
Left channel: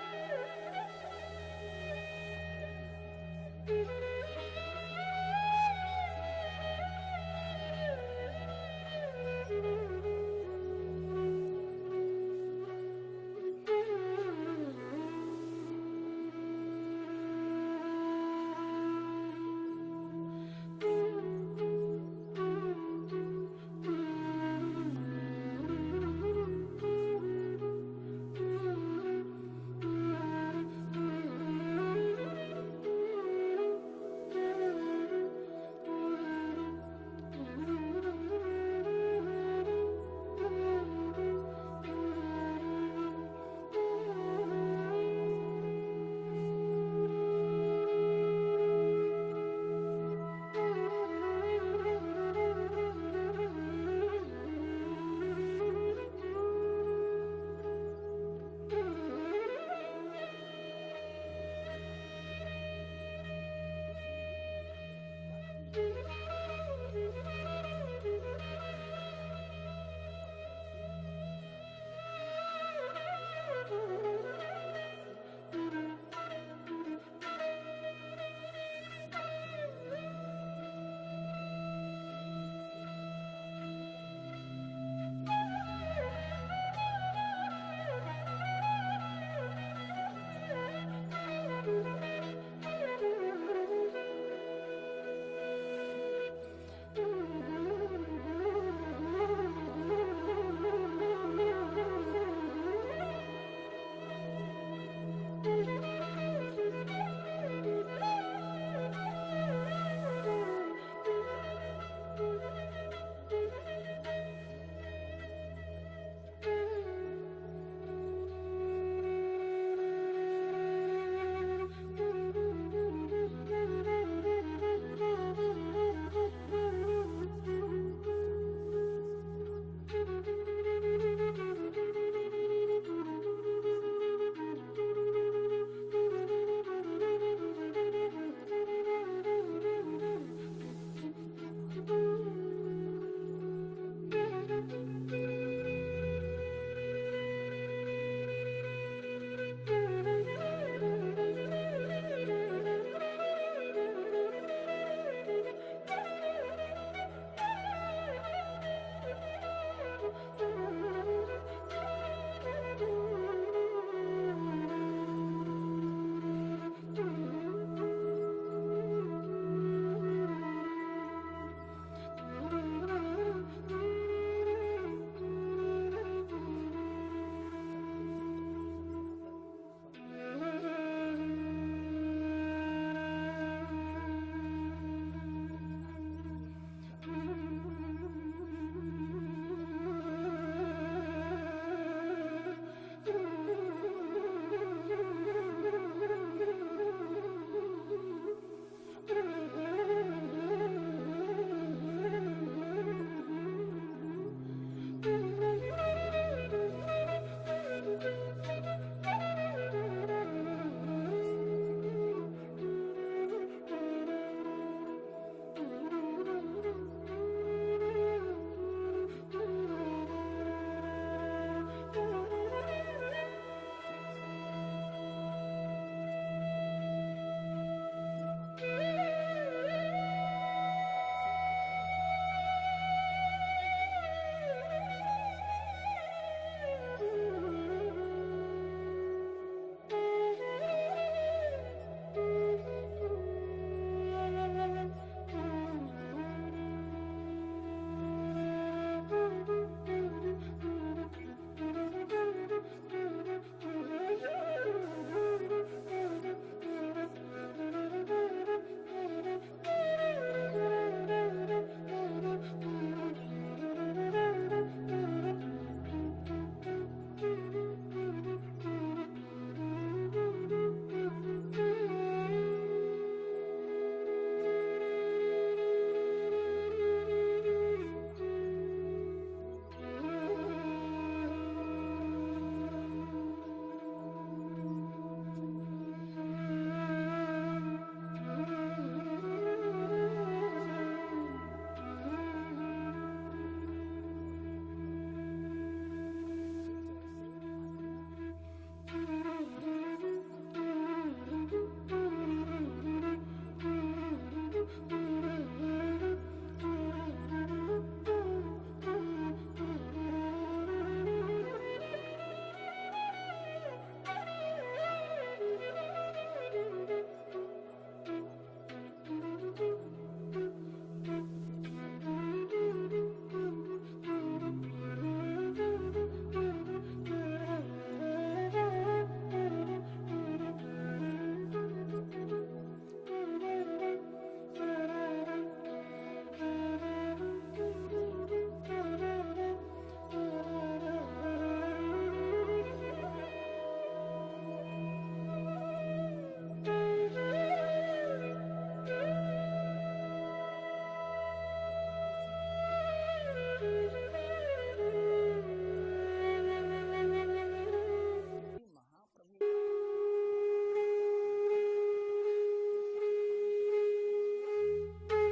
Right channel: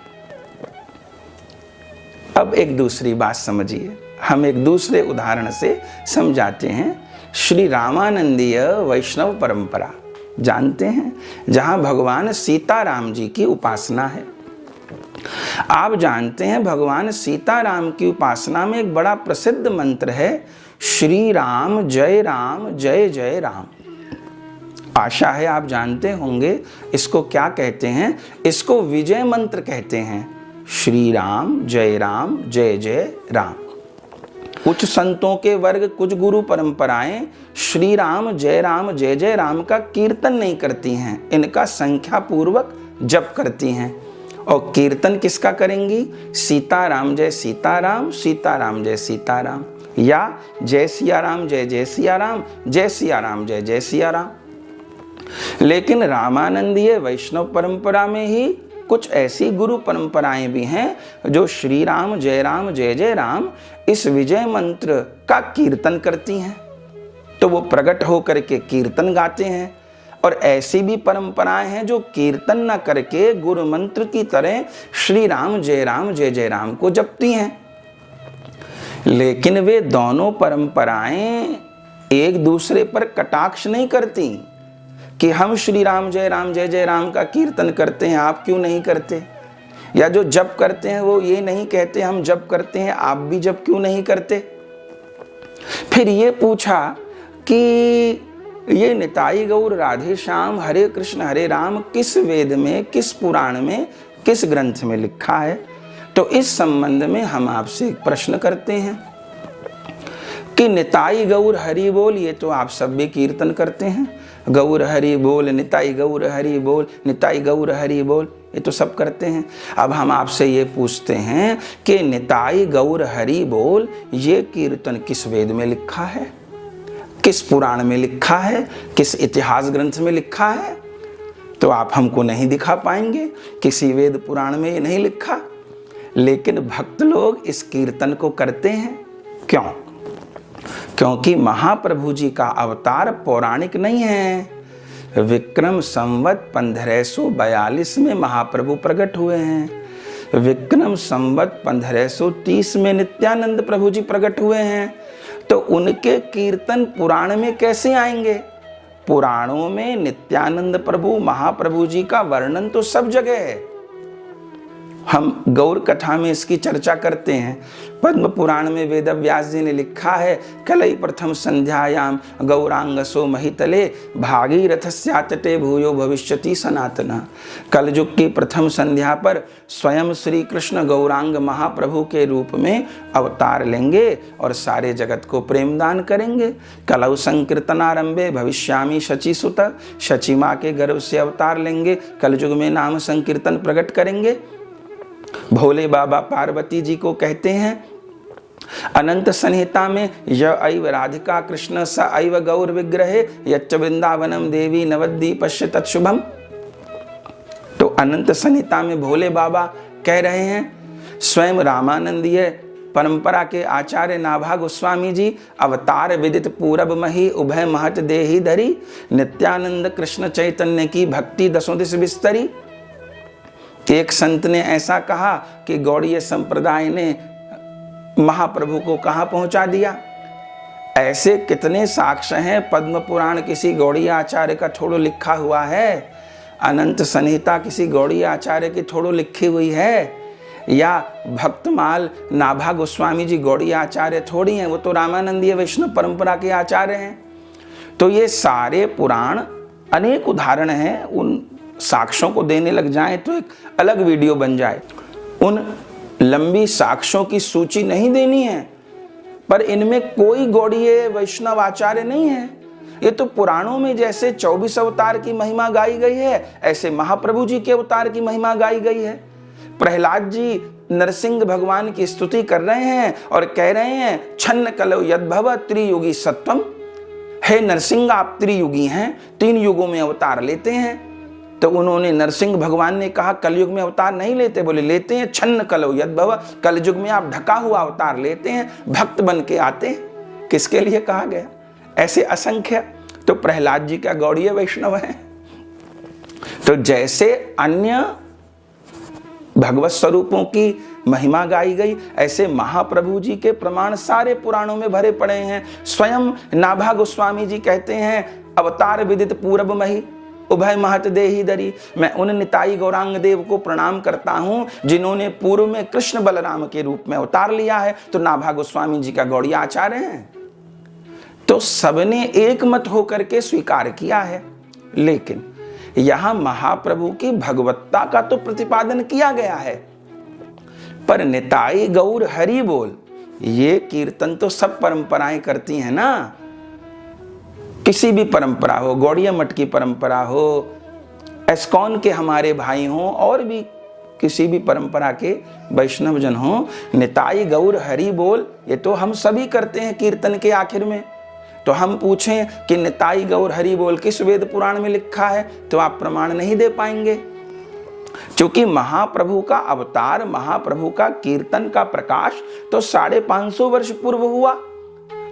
अब एक दूसरी बात समझिए, हम एक दूसरे उदाहरण से समझाते हैं। श्री रामानंदीय वैष्णव परंपरा जानते हैं, जहां भगवान सीताराम जी की उपासना है। आप जानते हैं भगवान सीताराम की उपासना में एक बड़ा प्रसिद्ध मंत्र है, श्री राम जय जय राम। आशा है आप जानते होंगे इसको क्या कहते हैं, इसको विजय मंत्र कहते हैं। श्री राम जय जय राम। कुछ संतों के वर्ग, कुछ गुरु परंपराएं श्री राम जय राम का कीर्तन नहीं करती हैं, इनका संख्या पूर्वक जप करती हैं। और कीर्तन किसका करेंगी? सीताराम जय सीताराम, सीताराम जय सीताराम, या जय सिया राम जय सिया राम, जय सिया राम जय सिया राम। लेकिन रामानंदीय वैष्णव परंपरा में ही कुछ ऐसी गुरु परंपराएं भी हैं जो श्री राम जय राम इस विजय मंत्र का कीर्तन करती हैं, तो वो प्रकट होकर के कीर्तन गाते हैं। और ऐसी भी परंपराएं हैं जो कीर्तन न करके गुरु मंत्र की तरह श्री राम जय राम को जपती हैं। लेकिन वे दोनों परंपराएं एक दूसरे पर कटाक्ष नहीं करती कि हम श्री राम जय राम का कीर्तन करते हैं, आप क्यों नहीं करते, या जो जप करते हैं वो ये नहीं कहते हम जप करते हैं, आप भी जप क्यों नहीं करते। फिर ये पूछा कि ये निताई गौर राधे श्याम हरे कृष्ण हरे राम किस वेद में, किस पुराण में, किस ग्रंथ में लिखा है। तो इस संबंध में हम आपसे एक प्रश्न करते हैं कि निताई गौर हरि बोल, ये तो आप सब भी कीर्तन करते हैं, गौर हरि बोल, निताई गौर हरि बोल, निताई गौर हरि बोल, ये तो सब करते हैं। अब हम आपसे ये पूछते हैं कि निताई गौर हरि बोल ये कीर्तन किस वेद में लिखा है, किस पुराण में लिखा है, किस इतिहास ग्रंथ में लिखा है। तो आप हमको नहीं दिखा पाएंगे, किसी वेद पुराण में ये नहीं लिखा। लेकिन भक्त लोग इस कीर्तन को करते हैं, क्यों? क्योंकि महाप्रभु जी का अवतार पौराणिक नहीं है। विक्रम संवत 1542 में महाप्रभु प्रकट हुए हैं। विक्रम संवत 1530 में नित्यानंद प्रभु जी प्रकट हुए हैं। तो उनके कीर्तन पुराण में कैसे आएंगे? पुराणों में नित्यानंद प्रभु महाप्रभु जी का वर्णन तो सब जगह है, हम गौर कथा में इसकी चर्चा करते हैं। पद्म पुराण में वेद व्यास जी ने लिखा है, कलई प्रथम संध्यायाम गौरांगसो महितले भागीरथस्या तटे भूयो भविष्यति सनातना। कलयुग की प्रथम संध्या पर स्वयं श्री कृष्ण गौरांग महाप्रभु के रूप में अवतार लेंगे और सारे जगत को प्रेमदान करेंगे। कलौ संकीर्तनारंभे भविष्यामि शचीसुत, शची माँ के गर्भ से अवतार लेंगे, कलयुग में नाम संकीर्तन प्रकट करेंगे। भोले बाबा पार्वती जी को कहते हैं अनंत संहिता में, य ऐव राधिका कृष्ण स ऐव गौर विग्रहे यच्च वृंदावनम देवी नवद्वीपस्य तत्शुभम। तो अनंत संहिता में भोले बाबा कह रहे हैं, स्वयं रामानंदीय परंपरा के आचार्य नाभा गोस्वामी जी अवतार विदित पूरब मही उभय महत देही धरी, नित्यानंद कृष्ण चैतन्य की भक्ति दसों दिश विस्तरी। एक संत ने ऐसा कहा कि गौड़ीय संप्रदाय ने महाप्रभु को कहां पहुंचा दिया। ऐसे कितने साक्ष्य हैं। पद्म पुराण किसी गौड़ीय आचार्य का थोड़ो लिखा हुआ है, अनंत संहिता किसी गौड़ीय आचार्य की थोड़ो लिखी हुई है, या भक्तमाल नाभा गोस्वामी जी गौड़ीय आचार्य थोड़ी हैं, वो तो रामानंदीय वैष्णव परंपरा के आचार्य हैं। तो ये सारे पुराण अनेक उदाहरण हैं। उन साक्ष्यों को देने लग जाएं तो एक अलग वीडियो बन जाए। उन लंबी साक्ष्यों की सूची नहीं देनी है, पर इनमें कोई गौड़ीय वैष्णव आचार्य नहीं है। ये तो पुराणों में जैसे 24 अवतार की महिमा गाई गई है, ऐसे महाप्रभु जी के अवतार की महिमा गाई गई है। प्रहलाद जी नरसिंह भगवान की स्तुति कर रहे हैं और कह रहे हैं, छन्न कलौ यद्भव त्रियुगी सत्वम। हे नरसिंह, आप त्रियुगी हैं, 3 युगों में अवतार लेते हैं। तो उन्होंने, नरसिंह भगवान ने कहा कलयुग में अवतार नहीं लेते, बोले लेते हैं। छन्न कलौ यद्भव, कलयुग में आप ढका हुआ अवतार लेते हैं, भक्त बन के आते हैं। किसके लिए कहा गया? ऐसे असंख्य। तो प्रहलाद जी क्या गौड़ीय वैष्णव हैं? तो जैसे अन्य भगवत स्वरूपों की महिमा गाई गई, ऐसे महाप्रभु जी के प्रमाण सारे पुराणों में भरे पड़े हैं। स्वयं नाभा गोस्वामी जी कहते हैं, अवतार विदित पूरब मही उभय महत देही धरी। मैं उन निताई गौरांग देव को प्रणाम करता हूं जिन्होंने पूर्व में कृष्ण बलराम के रूप में अवतार लिया है। तो नाभा गोस्वामी जी का गौड़ीय आचार्य हैं। तो सबने एक मत होकर के स्वीकार किया है। लेकिन यहां महाप्रभु की भगवत्ता का तो प्रतिपादन किया गया है, पर निताई गौर हरि बोल, ये कीर्तन तो सब परंपराएं करती हैं ना। किसी भी परंपरा हो, गौड़ीय मठ की परंपरा हो, एस्कॉन के हमारे भाई हों, और भी किसी भी परंपरा के वैष्णव जन हों, निताई गौर हरि बोल, ये तो हम सभी करते हैं कीर्तन के आखिर में। तो हम पूछें कि निताई गौर हरि बोल किस वेद पुराण में लिखा है, तो आप प्रमाण नहीं दे पाएंगे। क्योंकि महाप्रभु का अवतार, महाप्रभु का कीर्तन का प्रकाश तो 550 वर्ष पूर्व हुआ।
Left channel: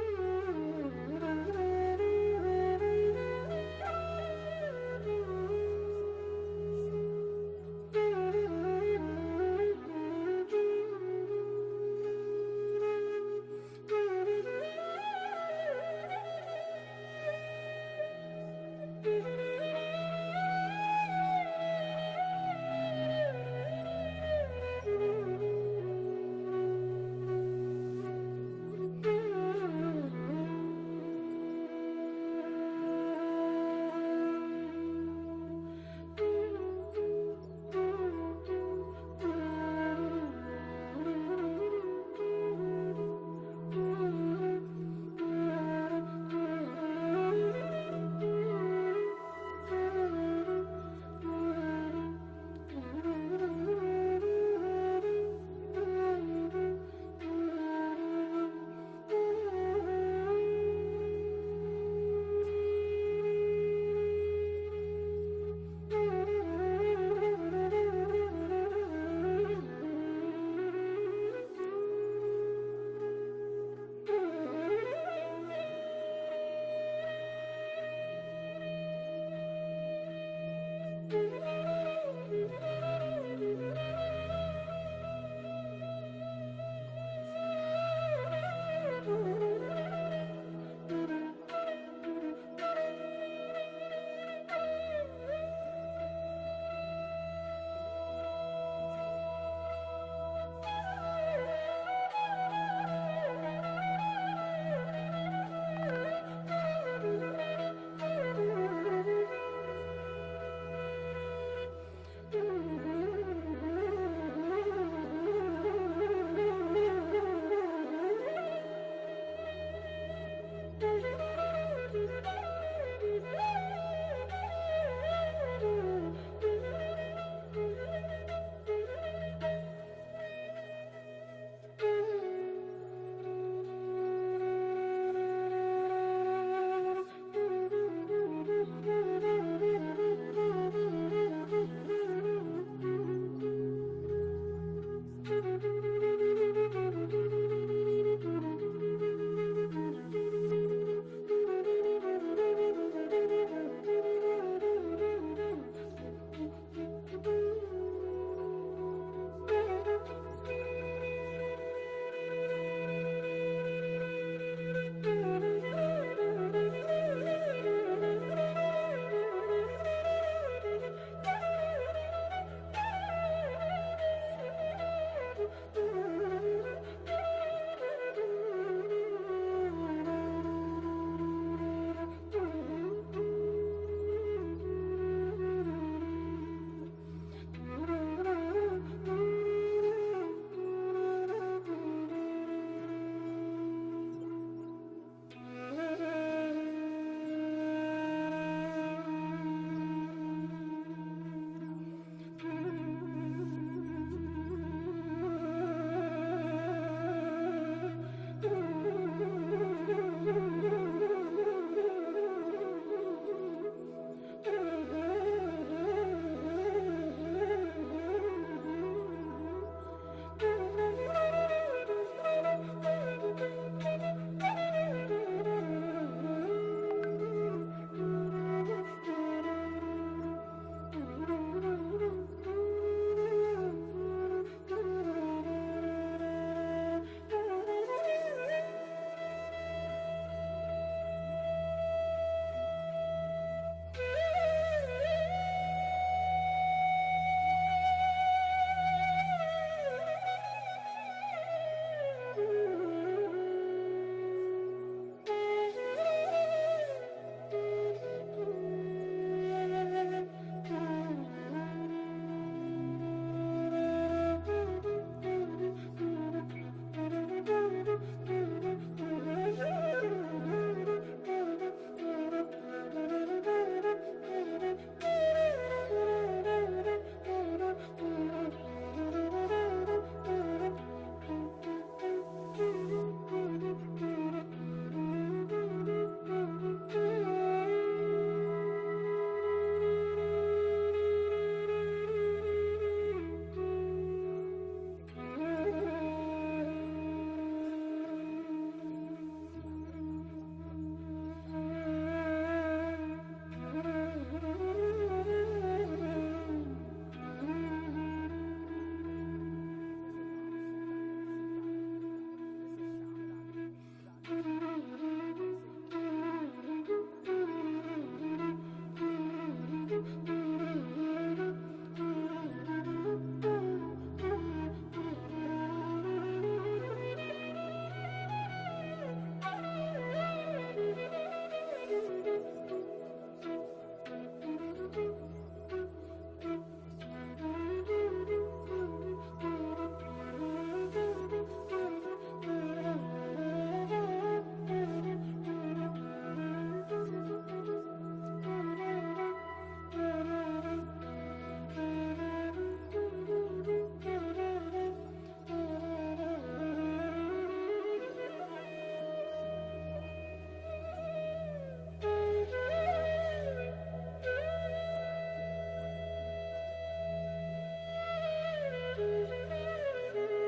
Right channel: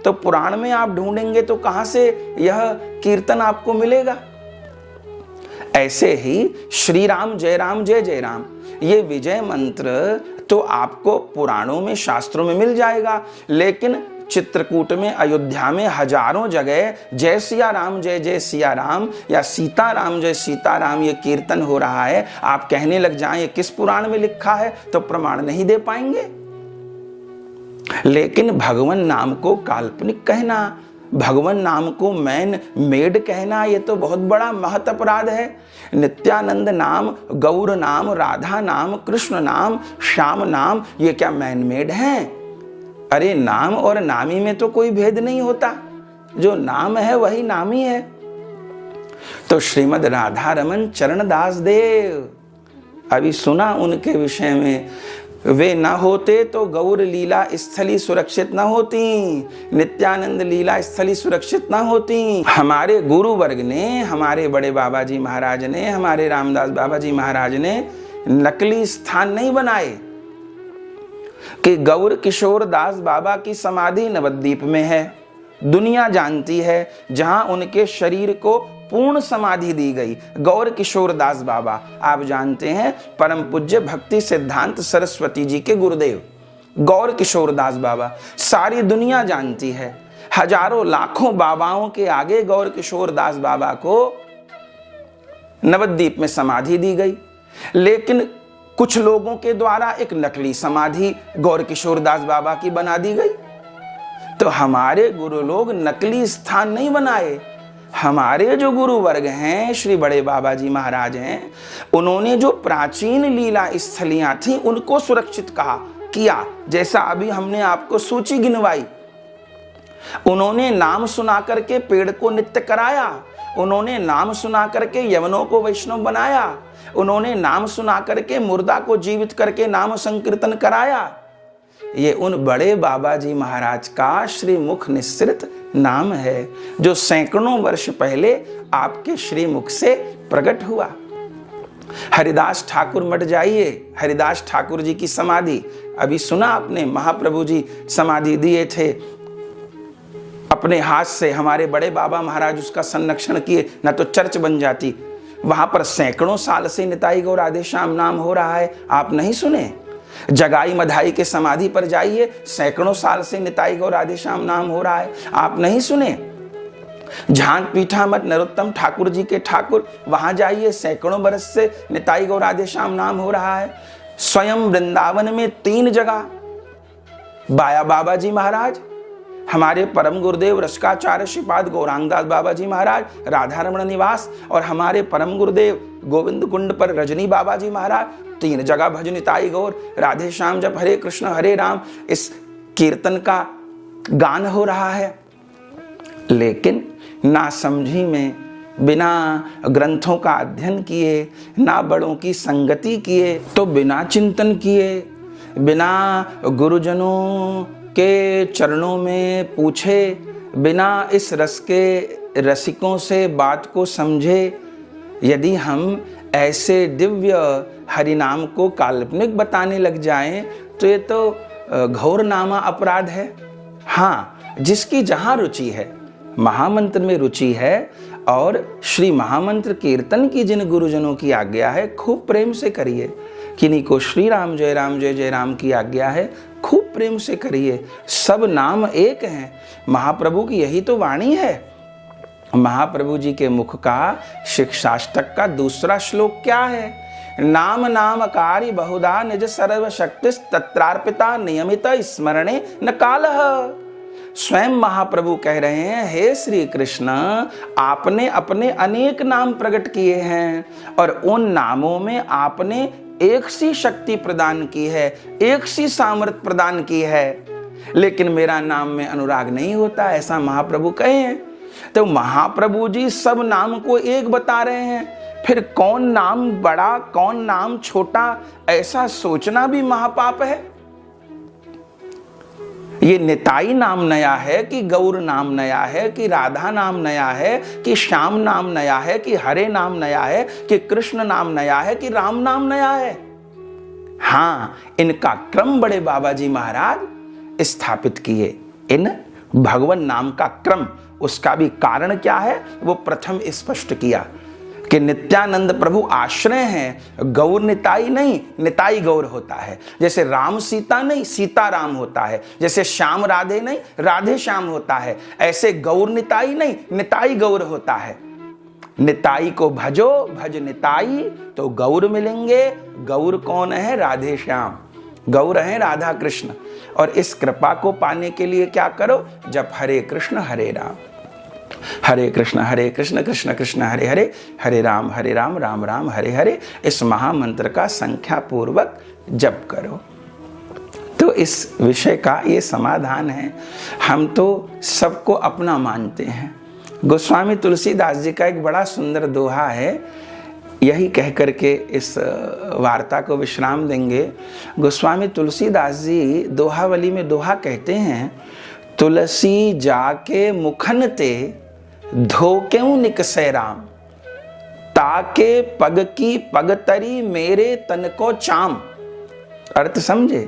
तो पुराण में आप ढूंढेंगे तो कहां से यह कीर्तन आपको मिलेगा? ऐसे ही श्री राम जय जय राम, ये विजय मंत्र तो आपको पुराणों में, शास्त्रों में मिल जाएगा। लेकिन चित्रकूट में, अयोध्या में हजारों जगह जय सिया राम जय जय सिया राम या सीता राम जय सीता राम ये कीर्तन हो रहा है। आप कहने लग जाएं ये किस पुराण में लिखा है, तो प्रमाण नहीं दे पाएंगे। लेकिन भगवान नाम को काल्पनिक कहना, भगवान नाम को मैन मेड कहना, ये तो बहुत बड़ा महत अपराध है। नित्यानंद नाम, गौर नाम, राधा नाम, कृष्ण नाम, श्याम नाम, ये क्या मैन मेड हैं? अरे नाम और नामी में तो कोई भेद नहीं होता, जो नाम है वही नामी है। तो श्रीमद राधा रमन चरणदास देव, अभी सुना उनके विषय में, वे न होते तो गौर लीला स्थली सुरक्षित न होती, नित्यानंद लीला स्थली सुरक्षित न होती। हमारे गुरु वर्ग ने, हमारे बड़े बाबा जी महाराज ने, हमारे रामदास बाबा जी महाराज ने नकली स्थान नहीं बनाए कि गौर किशोर दास बाबा की समाधि नवद्वीप में है। दुनिया जानती है जहां उनके शरीर को पूर्ण समाधि दी गई। गौर किशोर दास बाबा, आप जानते हैं, परम पूज्य भक्ति सिद्धांत सरस्वती जी के गुरुदेव गौर किशोर दास बाबा, सारी दुनिया जानती है। हजारों लाखों बाबाओं के आगे गौर किशोर दास बाबा को नवद्वीप में समाधि दी गई। लेकिन कुछ लोगों के द्वारा एक नकली समाधि गौर किशोर दास बाबा की बना दी गई। तो हमारे गुरु लोग नकली स्थान नहीं बनाए। हमारे जो गुरु वर्ग हैं, श्री बड़े बाबा जी महाराज हैं, उन्होंने जो प्राचीन लीला स्थलियां थी उनको सुरक्षित किया। जैसा अभी हमने आपको सूची गिनवाई। उन्होंने नाम सुना करके पेड़ को नित्य कराया, उन्होंने नाम सुना करके यवनों को वैष्णव बनाया, उन्होंने नाम सुना करके मुर्दा को जीवित करके नाम संकीर्तन कराया। ये उन बड़े बाबा जी महाराज का श्रीमुख निस्सृत नाम है, जो सैकड़ों वर्ष पहले आपके श्रीमुख से प्रकट हुआ। हरिदास ठाकुर मठ जाइए, हरिदास ठाकुर जी की समाधि अभी सुना आपने, महाप्रभु जी समाधि दिए थे अपने हाथ से, हमारे बड़े बाबा महाराज उसका संरक्षण किए, न तो चर्च बन जाती। वहां पर सैकड़ों साल से निताई गौर राधे श्याम नाम हो रहा है, आप नहीं सुने? जगाई मधाई के समाधि पर जाइए, सैकड़ों साल से निताई गौर राधे श्याम नाम हो रहा है, आप नहीं सुने? झांक पीठा मठ नरोत्तम ठाकुर जी के ठाकुर, वहां जाइए, सैकड़ों बरस से निताई गौर राधे श्याम नाम हो रहा है। स्वयं वृंदावन में 3 जगह बाया बाबा जी महाराज, हमारे परम गुरुदेव रसकाचार्य श्रीपाद गौरांगदास बाबा जी महाराज राधारमण निवास, और हमारे परम गुरुदेव गोविंद कुंड पर रजनी बाबा जी महाराज, 3 जगह भज निताई गौर राधे श्याम जप हरे कृष्ण हरे राम इस कीर्तन का गान हो रहा है। लेकिन ना समझी में, बिना ग्रंथों का अध्ययन किए, ना बड़ों की संगति किए, तो बिना चिंतन किए, बिना गुरुजनों के चरणों में पूछे, बिना इस रस के रसिकों से बात को समझे, यदि हम ऐसे दिव्य हरिनाम को काल्पनिक बताने लग जाएं, तो ये तो घोर नामा अपराध है। हाँ, जिसकी जहां रुचि है, महामंत्र में रुचि है, और श्री महामंत्र कीर्तन की जिन गुरुजनों की आज्ञा है, खूब प्रेम से करिए। किन्हीं को श्री राम जय राम की आज्ञा है, खूब प्रेम से करिए। सब नाम एक हैं, महाप्रभु की यही तो वाणी है। महाप्रभु जी के मुख का शिक्षाष्टक का दूसरा श्लोक क्या है? नाम नामकारी बहुधा निज सर्वशक्ति तत्रार्पिता नियमित स्मरणे न कालः। स्वयं महाप्रभु कह रहे हैं, हे श्री कृष्ण, आपने अपने अनेक नाम प्रकट किए हैं, और उन नामों में आपने एक सी शक्ति प्रदान की है, एक सी सामर्थ्य प्रदान की है, लेकिन मेरा नाम में अनुराग नहीं होता, ऐसा महाप्रभु कहे हैं। तो महाप्रभु जी सब नाम को एक बता रहे हैं, फिर कौन नाम बड़ा कौन नाम छोटा, ऐसा सोचना भी महापाप है। ये निताई नाम नया है कि गौर नाम नया है, कि राधा नाम नया है, कि श्याम नाम नया है, कि हरे नाम नया है, कि कृष्ण नाम नया है, कि राम नाम नया है? हाँ, इनका क्रम बड़े बाबा जी महाराज स्थापित किए। इन भगवान नाम का क्रम, उसका भी कारण क्या है वो प्रथम स्पष्ट किया कि नित्यानंद प्रभु आश्रय हैं, गौर निताई नहीं, निताई गौर होता है। जैसे राम सीता नहीं, सीता राम होता है। जैसे श्याम राधे नहीं, राधे श्याम होता है। ऐसे गौर निताई नहीं, निताई गौर होता है। निताई को भजो, भज निताई तो गौर मिलेंगे। गौर कौन है? राधे श्याम। गौर है राधा कृष्ण। और इस कृपा को पाने के लिए क्या करो? जब हरे कृष्ण कृष्ण कृष्ण हरे हरे, हरे राम राम राम हरे हरे, इस महामंत्र का संख्या पूर्वक जप करो। तो इस विषय का ये समाधान है। हम तो सबको अपना मानते हैं। गोस्वामी तुलसीदास जी का एक बड़ा सुंदर दोहा है, यही कह करके इस वार्ता को विश्राम देंगे। गोस्वामी तुलसीदास जी दोहावली में दोहा कहते हैं, तुलसी जाके मुखन ते धोक्यों निकसे राम, ताके पग की पगतरी मेरे तन को चाम। अर्थ समझे?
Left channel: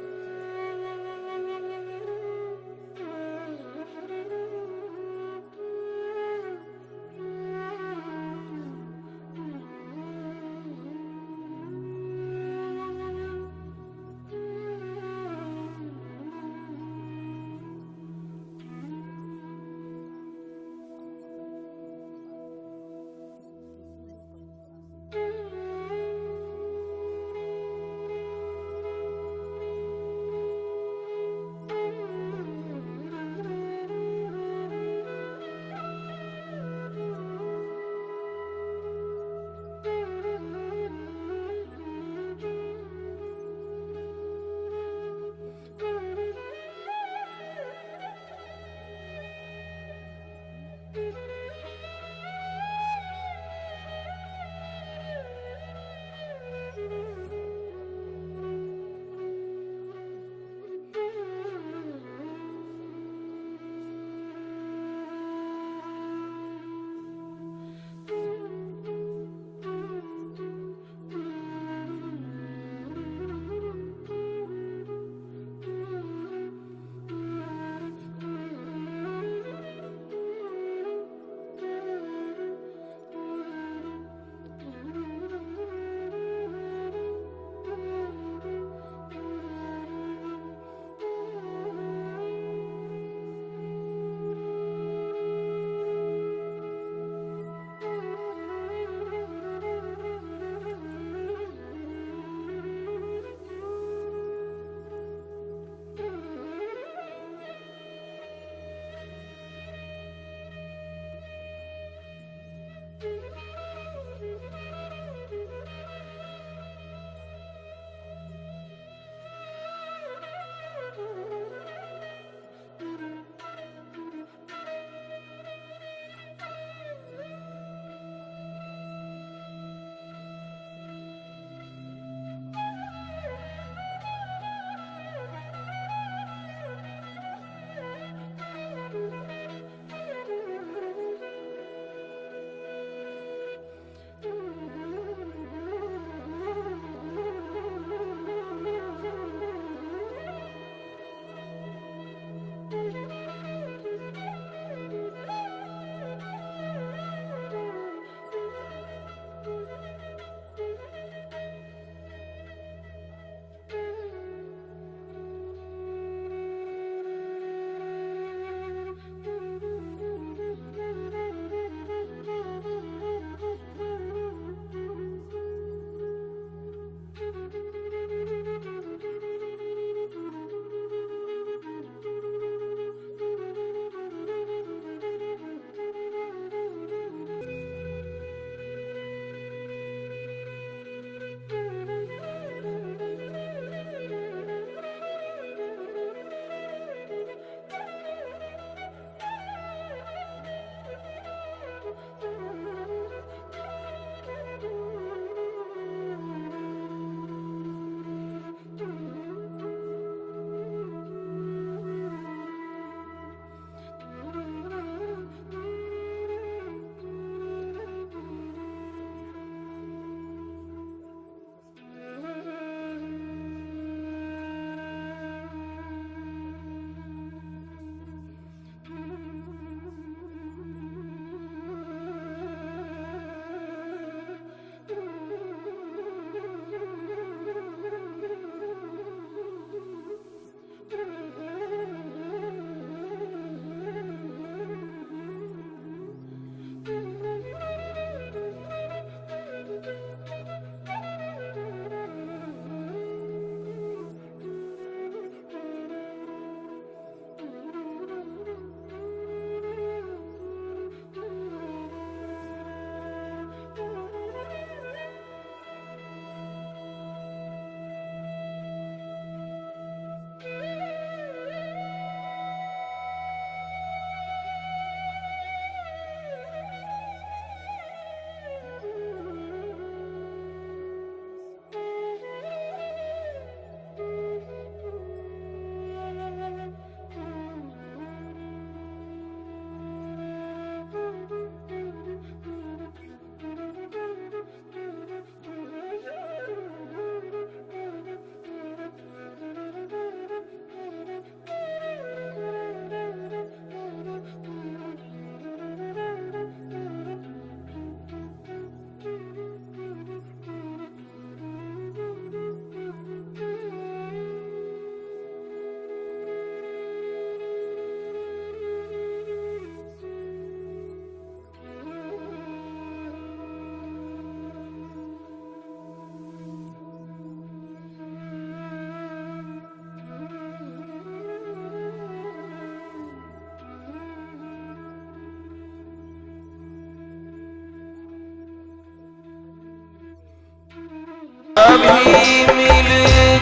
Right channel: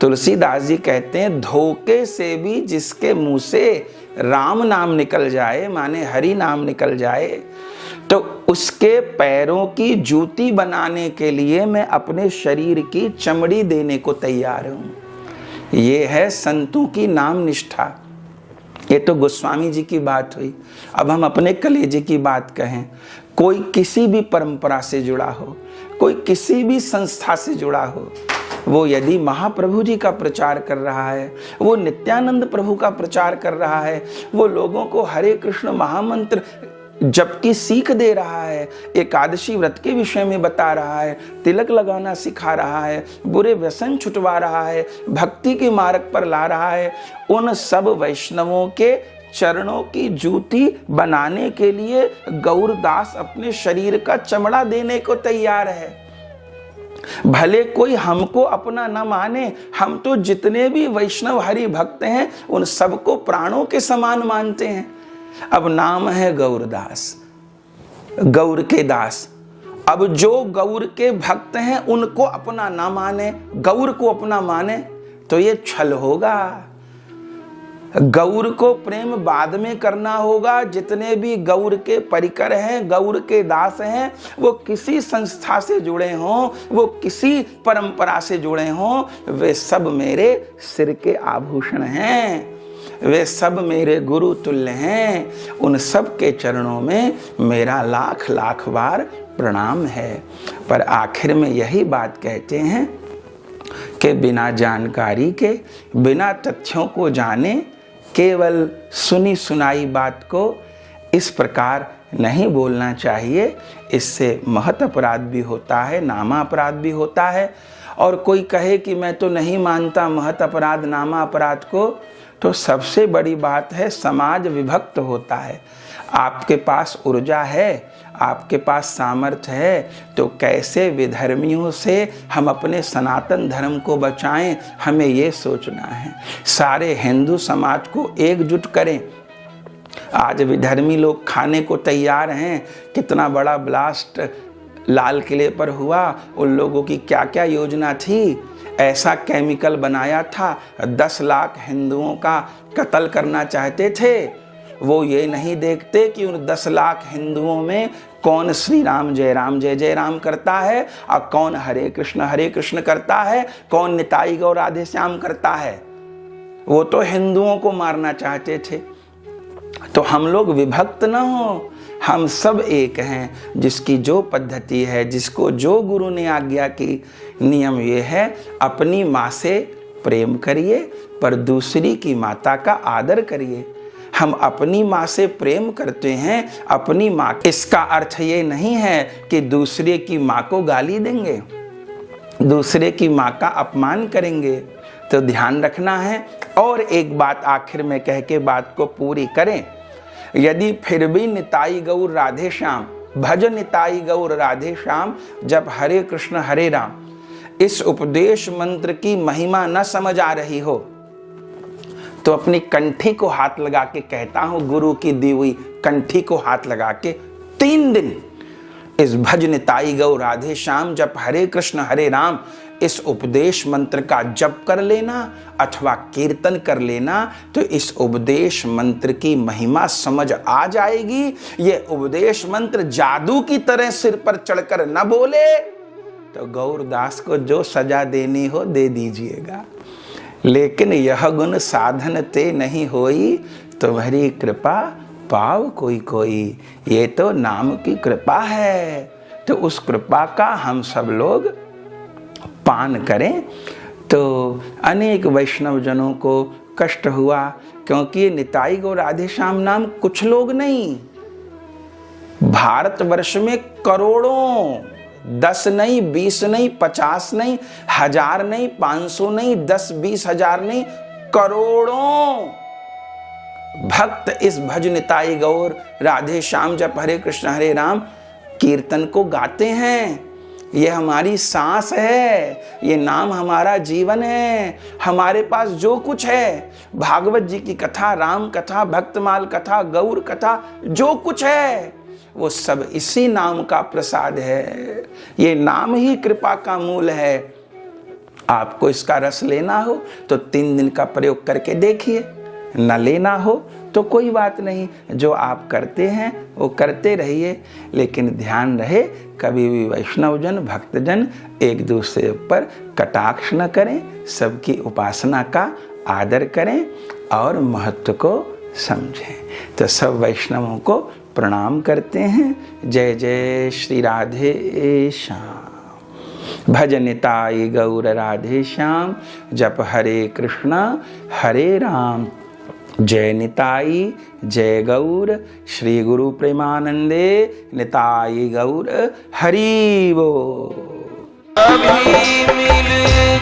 तुलसीदास जी कहते हैं, धोखे से भी जिसके मुंह से राम नाम निकल जाए, माने हरि नाम निकल जाए, तो उसके पैरों की जूती बनाने के लिए मैं अपने शरीर की चमड़ी देने को तैयार हूं। ये है संतों की नाम निष्ठा। ये तो गोस्वामी जी की बात हुई। अब हम अपने कलेजे की बात कहें। कोई किसी भी परंपरा से जुड़ा हो, कोई किसी भी संस्था से जुड़ा हो, वो यदि महाप्रभु जी का प्रचार कर रहा है, वो नित्यानंद प्रभु का प्रचार कर रहा है, वो लोगों को हरे कृष्ण महामंत्र जबकि सीख दे रहा है, एकादशी व्रत के विषय में बता रहा है, तिलक लगाना सिखा रहा है, बुरे व्यसन छुटवा रहा है, भक्ति के मार्ग पर ला रहा है, उन सब वैष्णवों के चरणों की जूती बनाने के लिए गौरदास अपने शरीर का चमड़ा देने को तैयार है। भले कोई हमको अपना न माने, हम तो जितने भी वैष्णव हरि भक्त हैं उन सबको प्राणों के समान मानते हैं। अब नाम है गौरदास, गौर के दास। अब जो गौर के भक्त हैं उनको अपना ना माने, गौर को अपना माने तो ये छल होगा। गौर को प्रेम बाद में करना होगा। जितने भी गौर के परिकर हैं, गौर के दास हैं, वो किसी संस्था से जुड़े हों, वो किसी परंपरा से जुड़े हों, वे सब मेरे सिर के आभूषण हैं, वे सब मेरे गुरु तुल्य हैं। उन सब के चरणों में मेरा लाख लाख बार प्रणाम है। पर आखिर में यही बात कहते हैं कि बिना जानकारी के, बिना तथ्यों को जाने, केवल सुनी सुनाई बात को इस प्रकार नहीं बोलना चाहिए। इससे महत अपराध भी होता है, नामा अपराध भी होता है। और कोई कहे कि मैं तो नहीं मानता महत अपराध नामा अपराध को, तो सबसे बड़ी बात है समाज विभक्त होता है। आपके पास ऊर्जा है, आपके पास सामर्थ्य है, तो कैसे विधर्मियों से हम अपने सनातन धर्म को बचाएं, हमें ये सोचना है। सारे हिंदू समाज को एकजुट करें। आज विधर्मी लोग खाने को तैयार हैं। कितना बड़ा ब्लास्ट लाल किले पर हुआ, उन लोगों की क्या क्या योजना थी। ऐसा केमिकल बनाया था, 10 लाख हिंदुओं का कत्ल करना चाहते थे। वो ये नहीं देखते कि उन 10 लाख हिंदुओं में कौन श्री राम जय जय राम करता है और कौन हरे कृष्ण करता है, कौन निताई गौर राधे श्याम करता है। वो तो हिंदुओं को मारना चाहते थे। तो हम लोग विभक्त न हो, हम सब एक हैं। जिसकी जो पद्धति है, जिसको जो गुरु ने आज्ञा की, नियम ये है अपनी माँ से प्रेम करिए पर दूसरी की माता का आदर करिए। हम अपनी माँ से प्रेम करते हैं, अपनी माँ, इसका अर्थ ये नहीं है कि दूसरे की माँ को गाली देंगे, दूसरे की माँ का अपमान करेंगे। तो ध्यान रखना है। और एक बात आखिर में कह के बात को पूरी करें। यदि फिर भी निताई गौर राधे श्याम, भज निताई गौर राधे श्याम, जब हरे कृष्ण हरे राम इस उपदेश मंत्र की महिमा न समझ आ रही हो, तो अपनी कंठी को हाथ लगा के कहता हूं, गुरु की दी हुई कंठी को हाथ लगा के 3 दिन इस भज निताई गौर राधे श्याम, जब हरे कृष्ण हरे राम इस उपदेश मंत्र का जप कर लेना अथवा कीर्तन कर लेना, तो इस उपदेश मंत्र की महिमा समझ आ जाएगी। ये उपदेश मंत्र जादू की तरह सिर पर चढ़कर न बोले तो गौरदास को जो सजा देनी हो दे दीजिएगा। लेकिन यह गुण साधन ते नहीं होई, तुम्हारी कृपा पाव कोई कोई। ये तो नाम की कृपा है, तो उस कृपा का हम सब लोग पान करें। तो अनेक वैष्णव जनों को कष्ट हुआ, क्योंकि निताई गौर राधे श्याम नाम कुछ लोग नहीं, भारतवर्ष में करोड़ों, 10 नहीं, 20 नहीं, 50 नहीं, 1000 नहीं, 500 नहीं, 10-20 हजार नहीं, करोड़ों भक्त इस भज निताई गौर राधे श्याम जप हरे कृष्ण हरे राम कीर्तन को गाते हैं। ये हमारी सांस है, ये नाम हमारा जीवन है। हमारे पास जो कुछ है, भागवत जी की कथा, राम कथा, भक्तमाल कथा, गौर कथा, जो कुछ है वो सब इसी नाम का प्रसाद है। ये नाम ही कृपा का मूल है। आपको इसका रस लेना हो तो 3 दिन का प्रयोग करके देखिए, न लेना हो तो कोई बात नहीं, जो आप करते हैं वो करते रहिए। लेकिन ध्यान रहे, कभी भी वैष्णवजन भक्तजन एक दूसरे पर कटाक्ष न करें, सबकी उपासना का आदर करें और महत्व को समझें। तो सब वैष्णवों को प्रणाम करते हैं। जय जय श्री राधे श्याम। भज निताई गौर राधे श्याम, जप हरे कृष्णा हरे राम। जय निताई जय गौर, श्री गुरु प्रेमानंदे निताई गौर हरि बोल। अभी मिल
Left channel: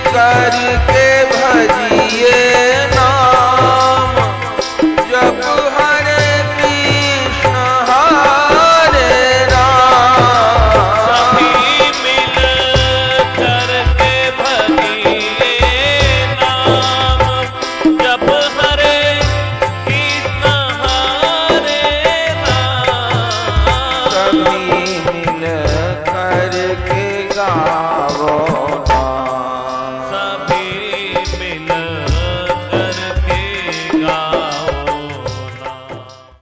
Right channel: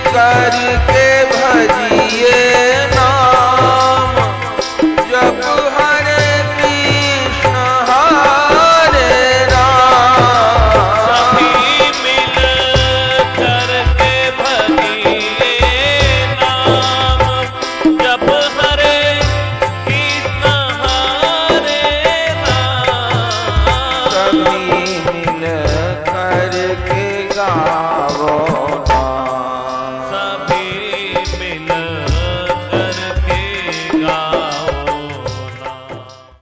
कर के भजिए नाम, जब हरे कृष्ण हरे राम। सभी मिल कर के भजिए नाम, जब हरे कृष्ण हरे राम। सभी मिल कर के गावो